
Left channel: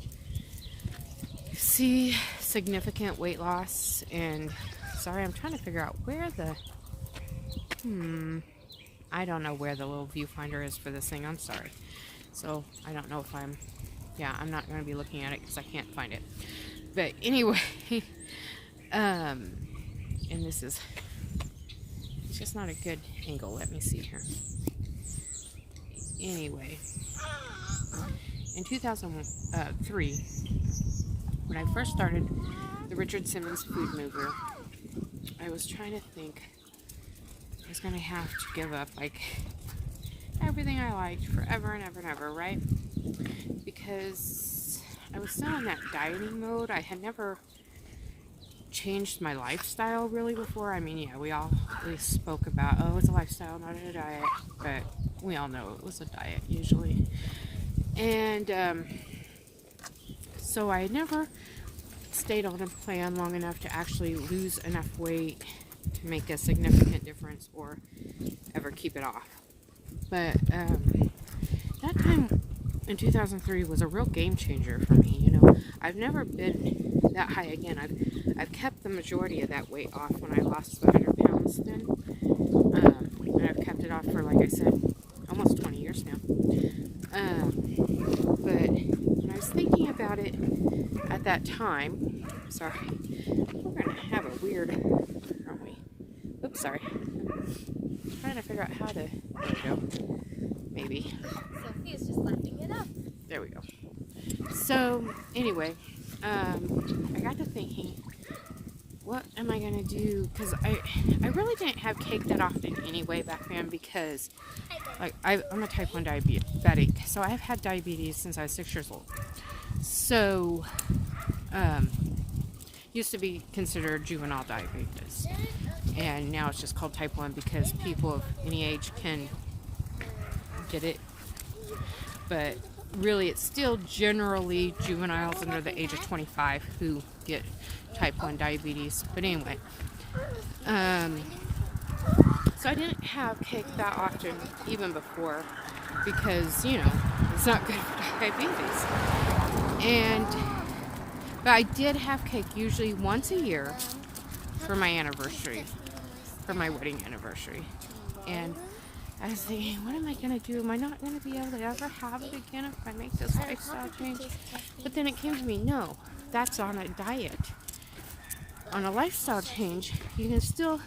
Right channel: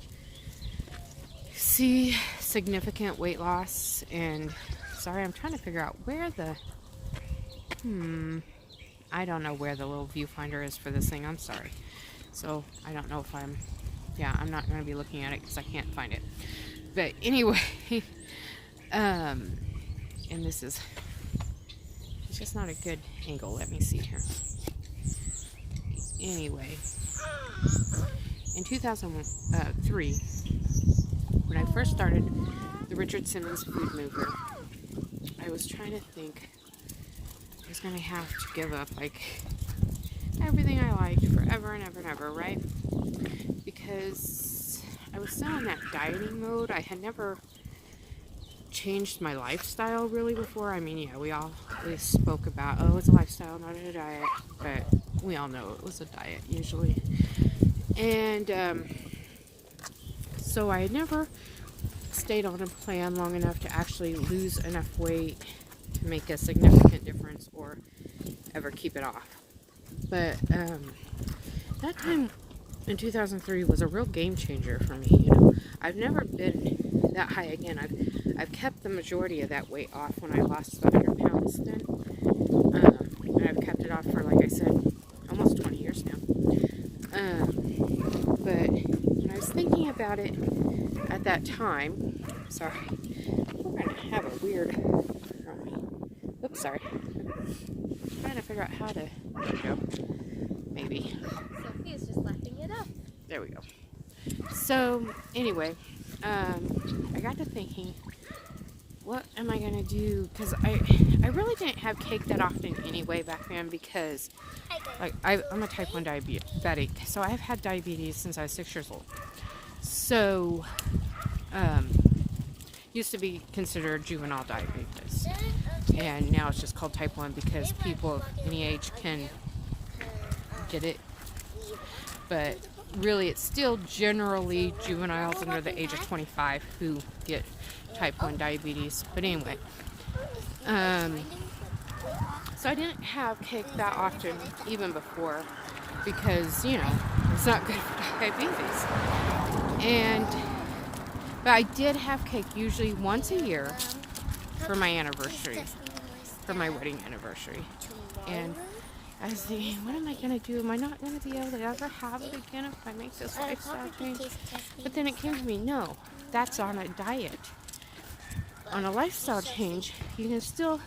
see significant weight loss. And sorry, I'm trying to figure out where the I don't know where the little viewfinder is for this thing. I'm sorry. So I don't know if I'm not going to be looking at it because I can't find it. But anyway, and this is, it's just not a good angle. Let me see here. Anyway, in 2003, when I first started the Richard Simmons Food Mover, I was trying to think I was going to have to give up like everything I liked forever and ever and ever, right? Because I was still in that dieting mode. I had never changed my lifestyle really before. I mean, yeah, we spoke about, oh, it's a lifestyle, not a diet, but we all know it was a diet usually. And so I had never stayed on a plan long enough to actually lose enough weight to make a significant difference or ever keep it off. But that time in 2003 was a real game changer for me. You know, I've never been that high again. I've kept the majority of that weight off when I lost the 100 pounds then, and I've kept it off for, like I said, almost 20 years now. But when I was thinking about it at that time, sorry, we're gonna have a weird. Oops, sorry. I'm trying to figure out how to. There we go. Maybe. Sophia's just lifting it up. There we go. So anyway, I got to thinking, what am I gonna do? Because I really didn't have cake that often anyway back then, because like I'm a type 1 diabetic, so I've had diabetes since I was 6 years old. So used to be considered juvenile diabetes, and now it's just called type 1 because people of any age can get it, but really it's still generally juveniles under the age of 25 who get type 1 diabetes. But anyway, so I didn't have cake that often even before, because, you know, it's not good for diabetes. But I did have cake usually once a year for my anniversary, for my wedding anniversary. And I was thinking, what am I going to do? Am I not going to be able to ever have it again if I make this lifestyle change? But then it came to me, no, that's on a diet. On a lifestyle change, you can still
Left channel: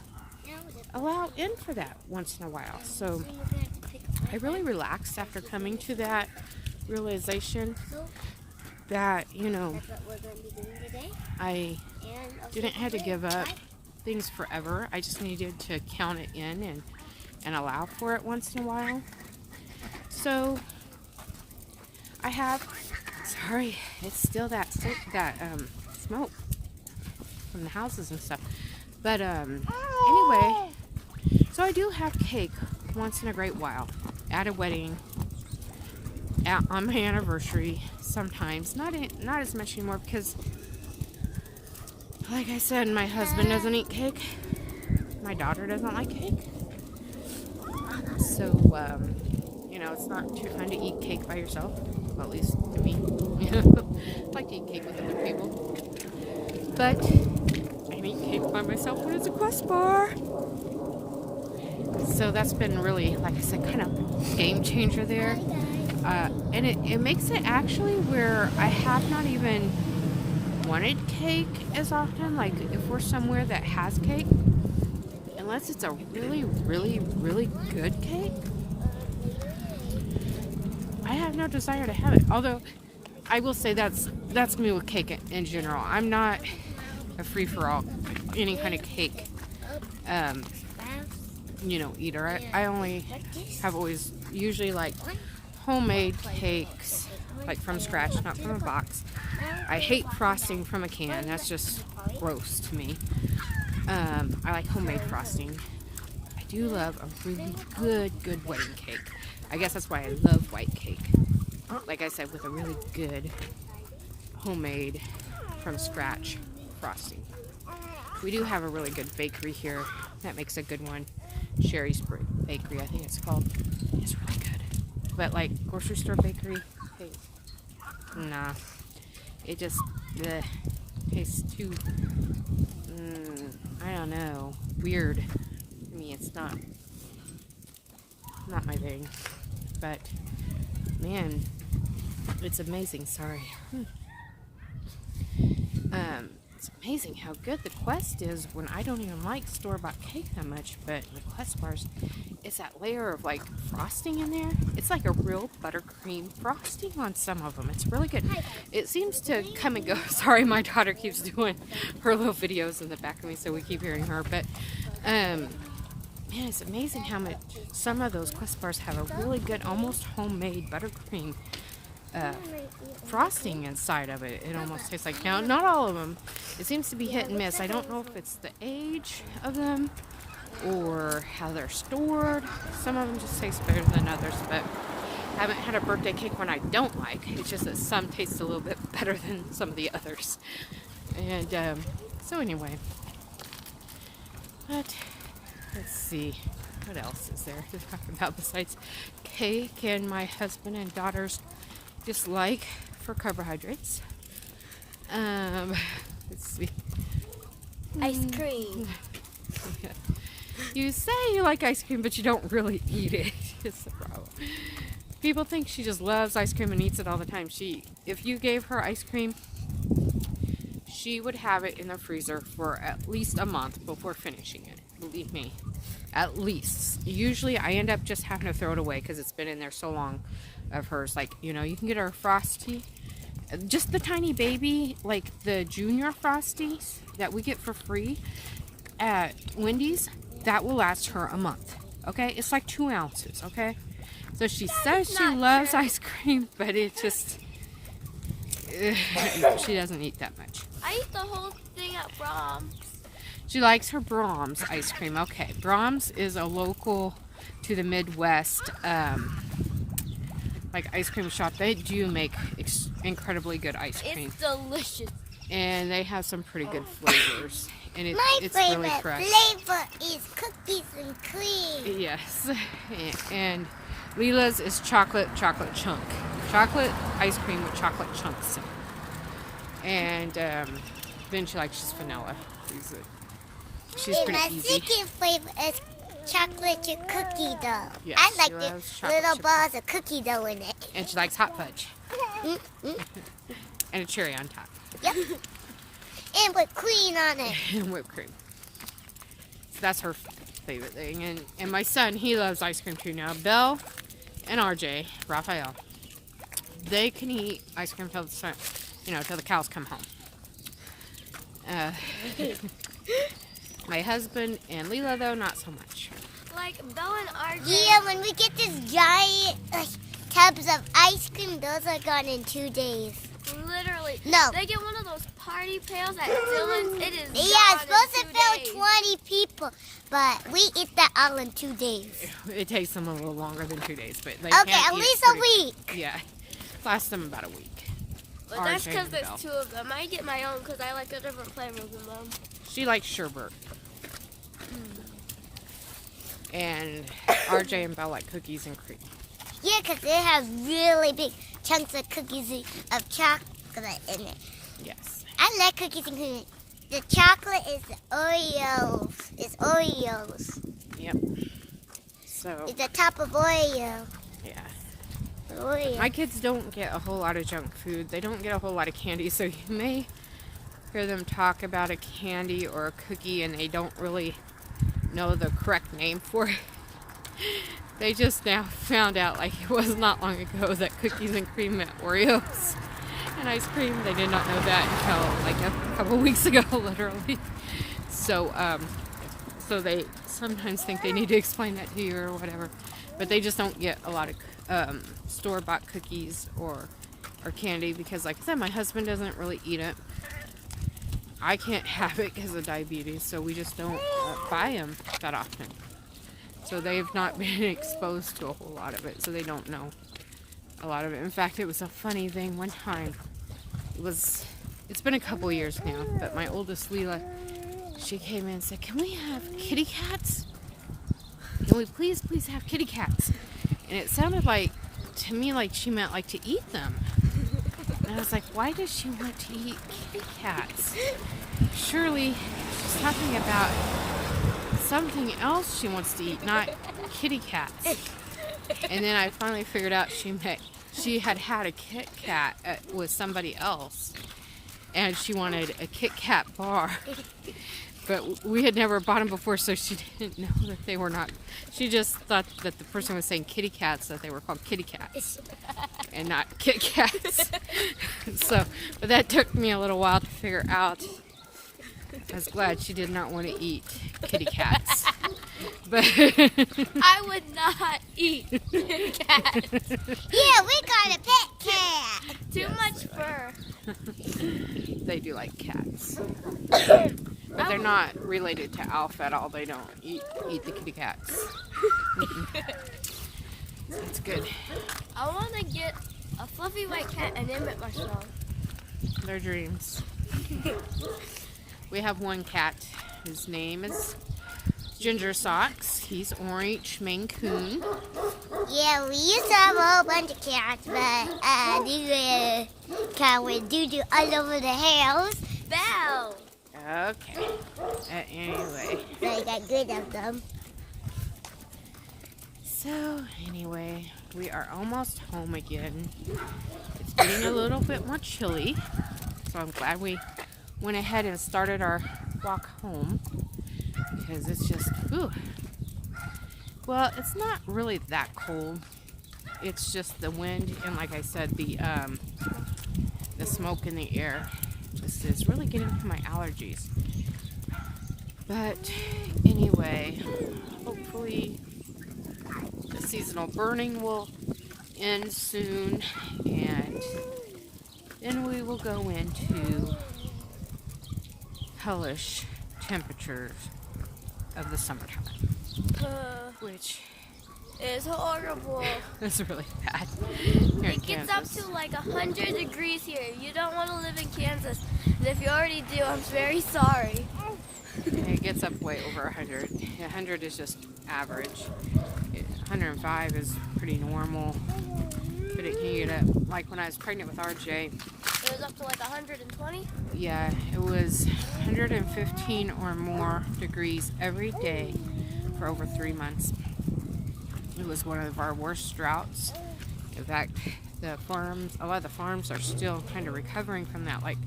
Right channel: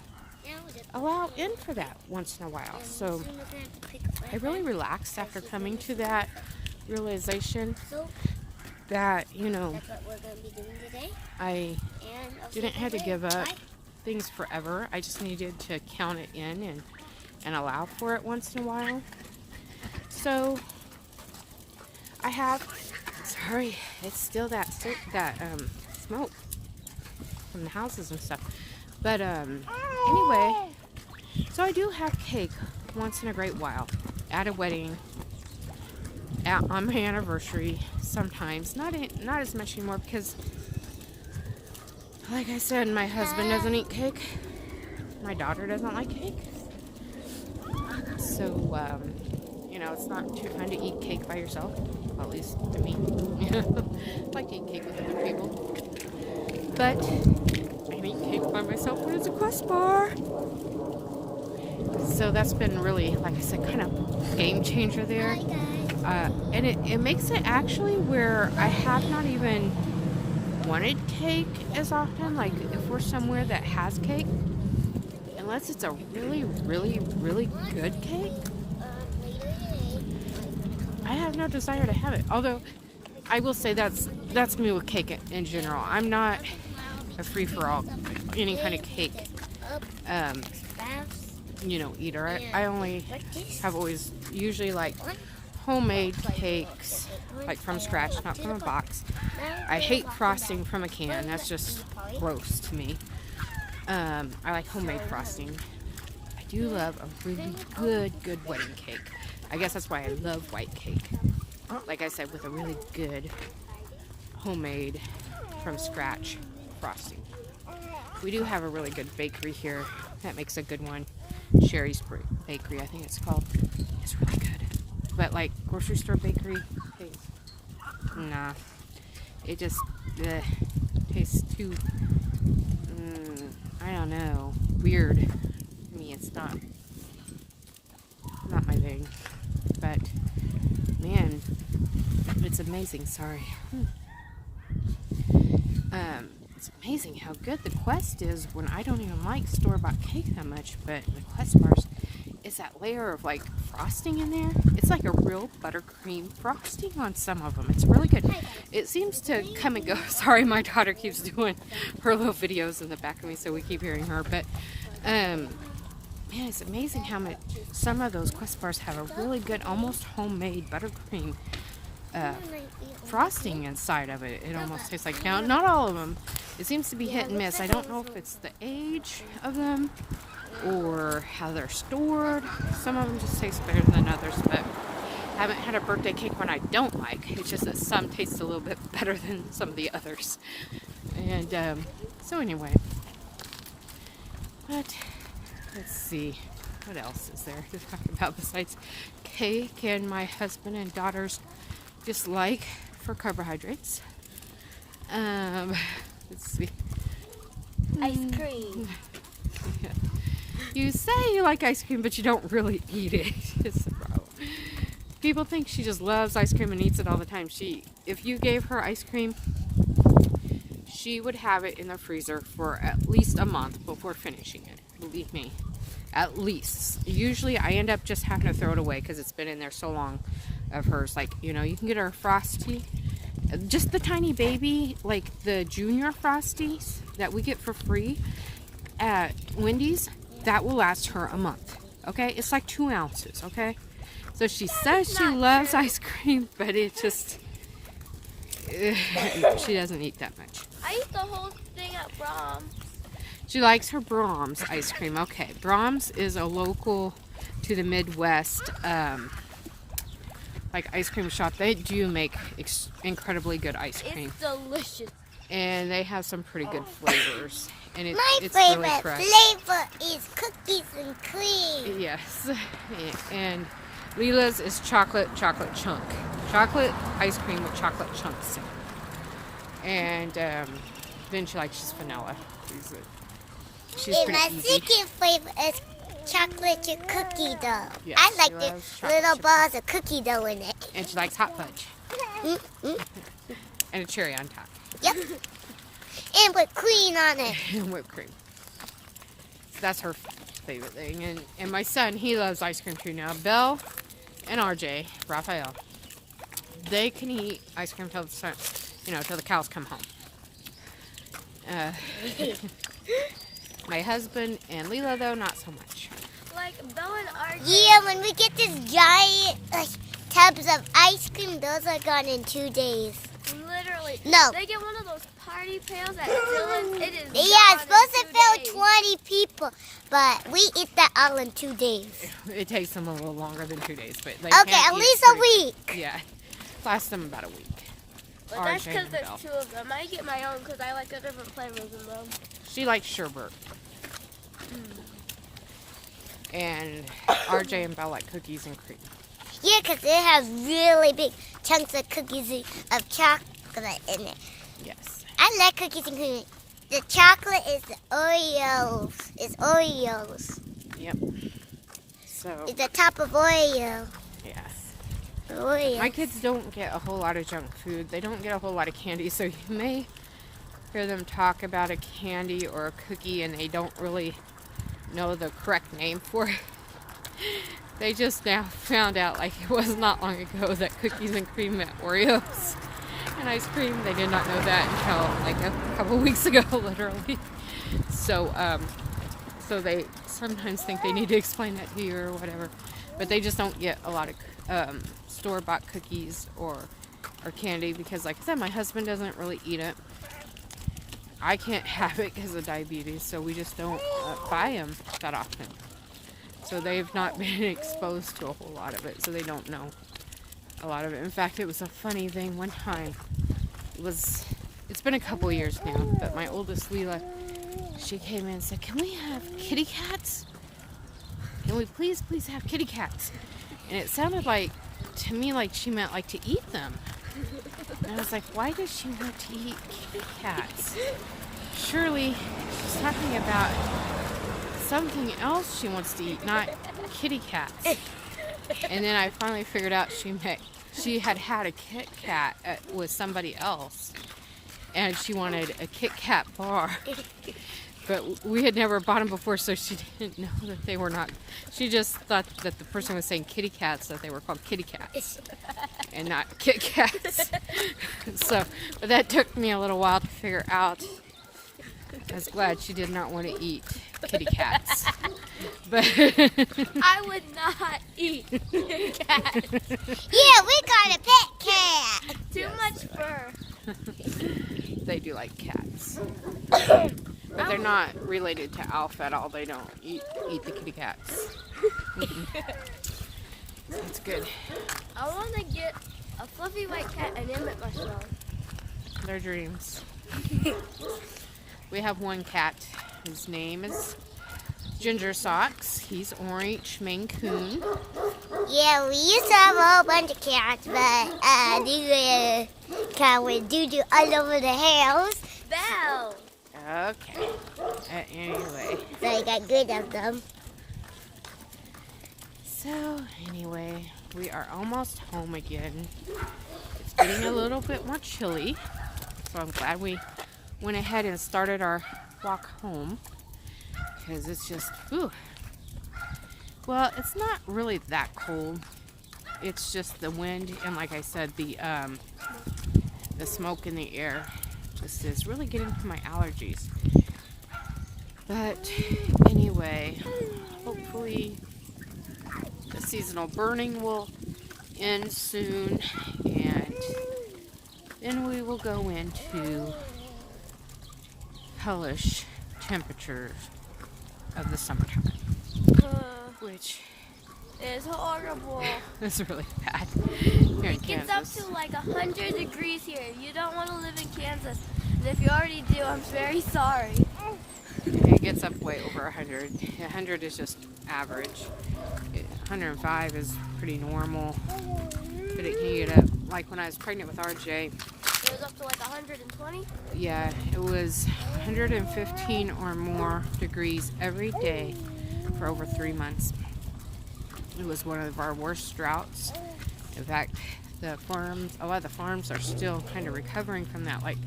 allow in for that once in a while. So I really relaxed after coming to that realization that, you know, I didn't have to give up things forever. I just needed to count it in and allow for it once in a while. So I have, sorry, it's still that smoke from the houses and stuff. But anyway, so I do have cake once in a great while at a wedding, on my anniversary sometimes. Not as much anymore because, like I said, my husband doesn't eat cake. My daughter doesn't like cake. So, You know, it's not too fun to eat cake by yourself. Well, at least to me. I like to eat cake with other people. But I can eat cake by myself when it's a Quest bar. So that's been really, like I said, kind of game changer there. And it makes it actually where I have not even wanted cake as often. Like if we're somewhere that has cake, unless it's a really, really, really good cake, I have no desire to have it. Although I will say that's me with cake in general. I'm not a free-for-all any kind of cake eater. I only have always usually like homemade cakes, like from scratch, not from a box. I hate frosting from a can. That's just gross to me. I like homemade frosting. I do love a really good wedding cake. I guess that's why I love white cake. Like I said, with a really good homemade from scratch frosting. We do have a really good bakery here that makes a good one. Sherry's Bakery, I think it's called. It's really good. But like grocery store bakery, hey, nah. It just tastes too, I don't know, weird to me. It's not my thing. But man, it's amazing. Sorry. It's amazing how good the Quest is when I don't even like store-bought cake that much, but the Quest bars, it's that layer of like frosting in there. It's like a real buttercream frosting on some of them. It's really good. It seems to come and go. Sorry, my daughter keeps doing her little videos in the back of me, so we keep hearing her. But man, it's amazing how much some of those Quest bars have a really good, almost homemade buttercream frosting inside of it. It almost tastes like, now not all of them, it seems to be hit and miss. I don't know if it's the age of them or how they're stored. Some of them just taste better than others, but I haven't had a birthday cake one I don't like. It's just that some taste a little bit better than some of the others. And so anyway, but let's see, what else is there to talk about besides cake and my husband and daughter's dislike for carbohydrates. Let's see. Ice cream. Yeah. You say you like ice cream, but you don't really eat it. It's the problem. People think she just loves ice cream and eats it all the time. If you gave her ice cream, she would have it in the freezer for at least a month before finishing it. Believe me. At least. Usually I end up just having to throw it away because it's been in there so long of hers. Like, you can get her Frosty. Just the tiny baby, like the junior Frosties that we get for free at Wendy's, that will last her a month. Okay? It's like 2 ounces. Okay? So she says she loves ice cream, but it just... she doesn't eat that much. I eat the whole thing at Brahms. She likes her Brahms ice cream. Okay, Brahms is a local to the Midwest, like ice cream shop. They do make incredibly good ice cream. It's delicious. And they have some pretty good flavors. And it's My really fresh. flavor is cookies and cream. Yes. And Leela's is chocolate chunk. Chocolate ice cream with chocolate chunks in it. And then she likes just vanilla. She's And pretty my easy. second flavor is chocolate chip cookie dough. Yes, I she like loves the chocolate little chip balls of cookie dough in it. And she likes hot fudge. And a cherry on top. Yep. And put cream on it. And whipped cream. So that's her favorite thing. And my son, he loves ice cream too now. Belle and RJ, Raphael, they can eat ice cream till the cows come home. My husband and Leela, though, not so much. Like Belle and RJ. Yeah, when we get this giant tubs of ice cream, those are gone in 2 days. Literally. No. They get one of those party pails at Dylan's. It is. Yeah, gone it's supposed to in 2 fill days. 20 people, but we eat that all in 2 days. It takes them a little longer than 2 days, but they Okay, can't at eat least it a week. Yeah, lasts them about a week. But that's RJ because and there's Belle. 2 of them. I get my own because I like a different flavor than them. She likes sherbet. And RJ and Belle like cookies and cream. Yeah, because it has really big chunks of cookies of chocolate in it. Yes. I like cookies and cream. The chocolate is the Oreos. It's Oreos. Yep. So. It's the top of Oreo. Yes. Oreo. My kids don't get a whole lot of junk food. They don't get a whole lot of candy, so you may hear them talk about a candy or a cookie and they don't really know the correct name for it. They just now found out, like it was not long ago, that cookies and cream meant Oreos and ice cream. They did not know that until like a couple weeks ago, literally. So, so they sometimes think they need to explain that to you or whatever. But they just don't get a lot of store-bought cookies or candy because, like I said, my husband doesn't really eat it. I can't have it because of diabetes, so we just don't buy them that often. So they've not been exposed to a whole lot of it, so they don't know a lot of it. In fact, it was a funny thing one time. It's been a couple years now, but my oldest Wheela, she came in and said, "Can we have kitty cats? Can we please have kitty cats?" And it sounded like, to me, like she meant like to eat them. And I was like, why does she want to eat kitty cats? Surely she's talking about something else she wants to eat, not kitty cats. And then I finally figured out she had a Kit Kat with somebody else, and she wanted a Kit Kat bar. But we had never bought them before, so she didn't know that they were not. She just thought that the person was saying kitty cats, that they were called kitty cats and not Kit Kats. But that took me a little while to figure out. I was glad she did not want to eat kitty cats. But I would not eat kitty cats. Yeah, we got a pet cat. Too much fur. they do like cats. But they're not related to Alf at all. They don't eat the kitty cats. That's good. I want to get a fluffy white cat and name it Marshmallow. Their dreams. We have one cat. His name is Ginger Socks. He's orange Maine Coon. Yeah, we used to have a whole bunch of cats, but these cat with doo-doo all over the house. Belle. Okay. Anyway. So I got good of them. So, anyway, we are almost home again. It's getting a little bit more chilly, so I'm glad we went ahead and started our walk home because it's just, ooh. Well, it's not really that cold. It's just the wind and, like I said, the smoke in the air just is really getting to my allergies. But anyway, hopefully the seasonal burning will end soon, and then we will go into hellish temperatures of the summertime, which is horrible. is really bad here in It gets Kansas. up to like 100 degrees here. You don't want to live in Kansas. And if you already do, I'm very sorry. Yeah, it gets up way over 100. 100 is just average. 105 is pretty normal. But it can get up, like when I was pregnant with RJ, It was up to like 120. yeah, it was 115 or more degrees every day for over 3 months. It was one of our worst droughts. In fact, a lot of the farms are still kind of recovering from that. Like,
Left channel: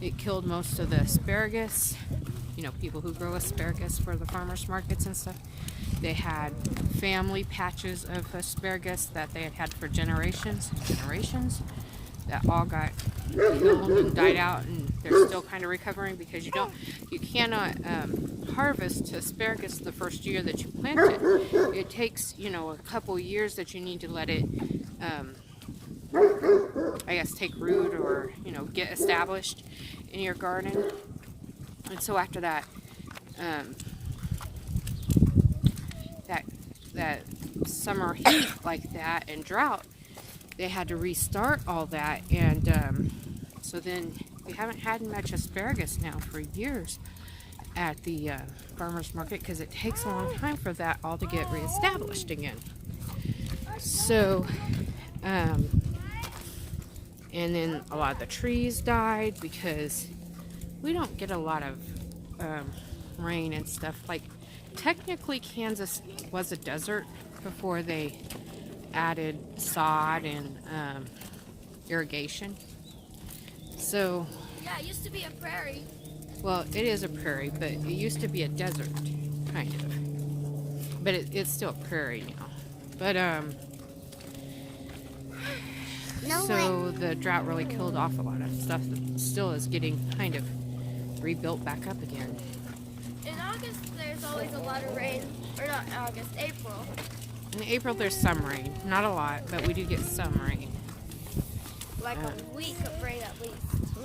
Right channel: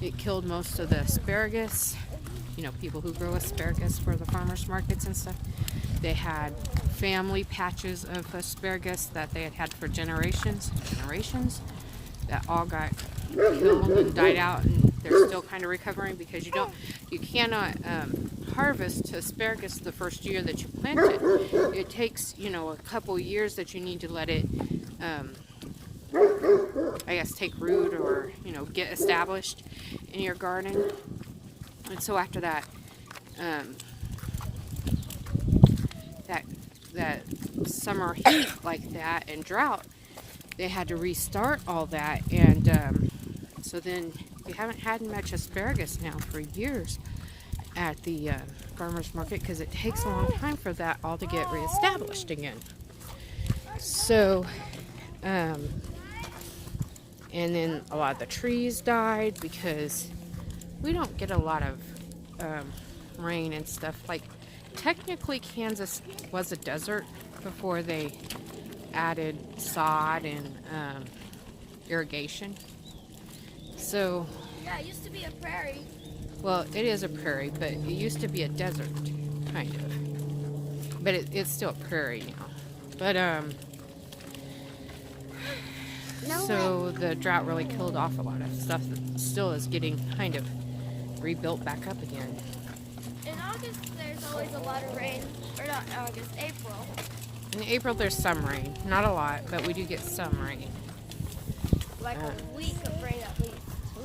it killed most of the asparagus. You know, people who grow asparagus for the farmers markets and stuff. They had family patches of asparagus that they had for generations and generations that all got killed and died out, and they're still kind of recovering because you cannot harvest asparagus the first year that you plant it. It takes, a couple years that you need to let it, I guess, take root or, get established in your garden. And so after that, that summer heat like that and drought, they had to restart all that, and so then we haven't had much asparagus now for years at the farmers market because it takes a long time for that all to get reestablished again. So, and then a lot of the trees died because we don't get a lot of rain and stuff. Like, technically Kansas was a desert before they added sod and irrigation. So, Yeah, it used to be a prairie. well, it is a prairie, but it used to be a desert, kind of. But it's still a prairie now. But, so the drought really killed off a lot of stuff that still is getting kind of rebuilt back up again. In August, there's always a lot of rain. Or not August, April. In April, there's some rain. Not a lot, but we do get some rain. Like a week of rain at least.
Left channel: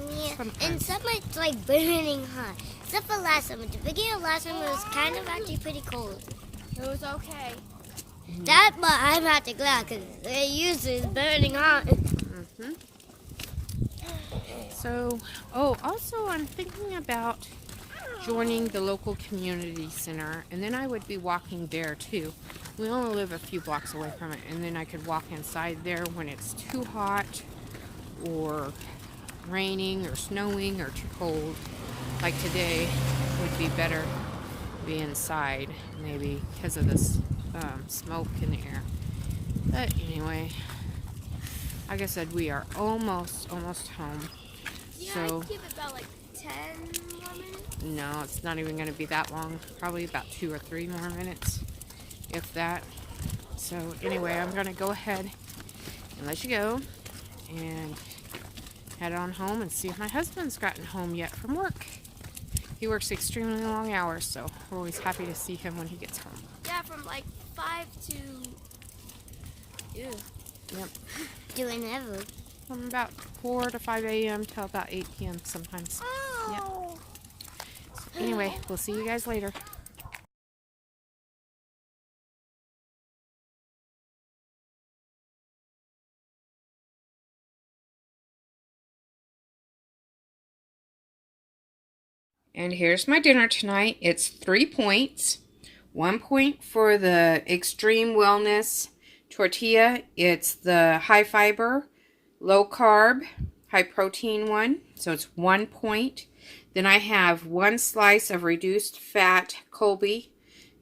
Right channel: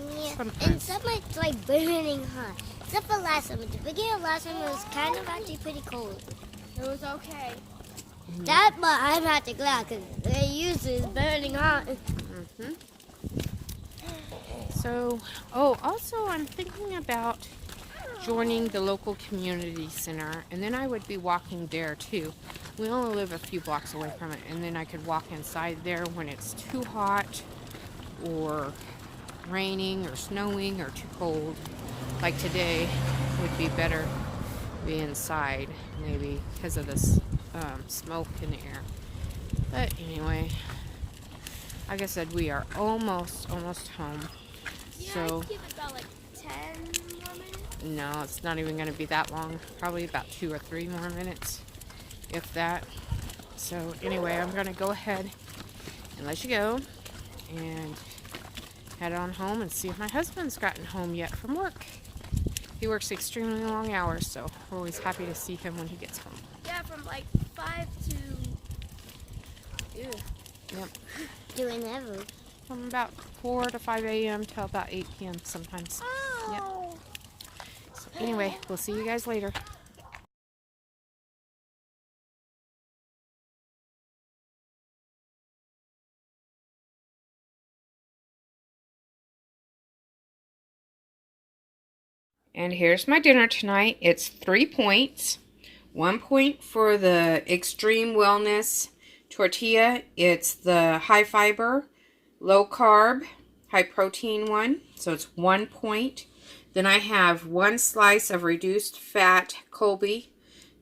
Yeah. Sometimes. And summer it's like burning hot. Except for last summer. The beginning of last summer was kind of actually pretty cold. It was okay. That, but I'm not the glad because they're used to burning hot. So, oh, also I'm thinking about joining the local community center, and then I would be walking there too. We only live a few blocks away from it, and then I could walk inside there when it's too hot or raining or snowing or too cold. Like today would be better to be inside, maybe because of this smoke in the air. But anyway, like I said, we are almost home. Yeah, So I'd give it about like 10 more minutes. no, it's not even going to be that long. Probably about 2 or 3 more minutes, if that. So anyway, I'm going to go ahead and let you go and head on home and see if my husband's gotten home yet from work. He works extremely long hours, so we're always happy to see him when he gets home. Yeah, from like 5 to... Ew. Yep. Doing ever. From about 4 to 5 a.m. till about 8 p.m. sometimes. Oh. So anyway, we'll see you guys later. And here's my dinner tonight. It's 3 points. 1 point for the Extreme Wellness tortilla. It's the high fiber, low carb, high protein one. So it's 1 point. Then I have 1 slice of reduced fat Colby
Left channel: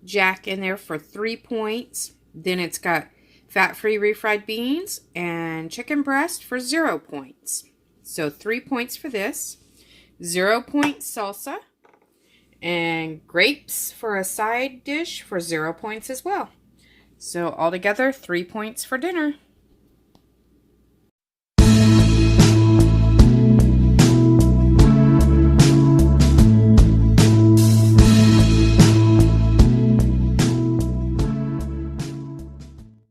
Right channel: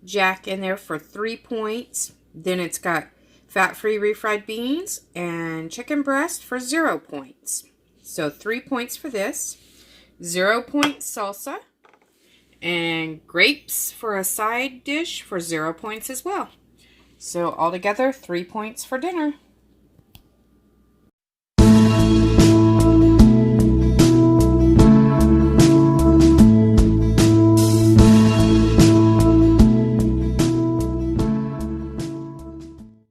Jack in there for 3 points. Then it's got fat-free refried beans and chicken breast for 0 points. So 3 points for this. 0 point salsa, and grapes for a side dish for 0 points as well. So altogether, 3 points for dinner.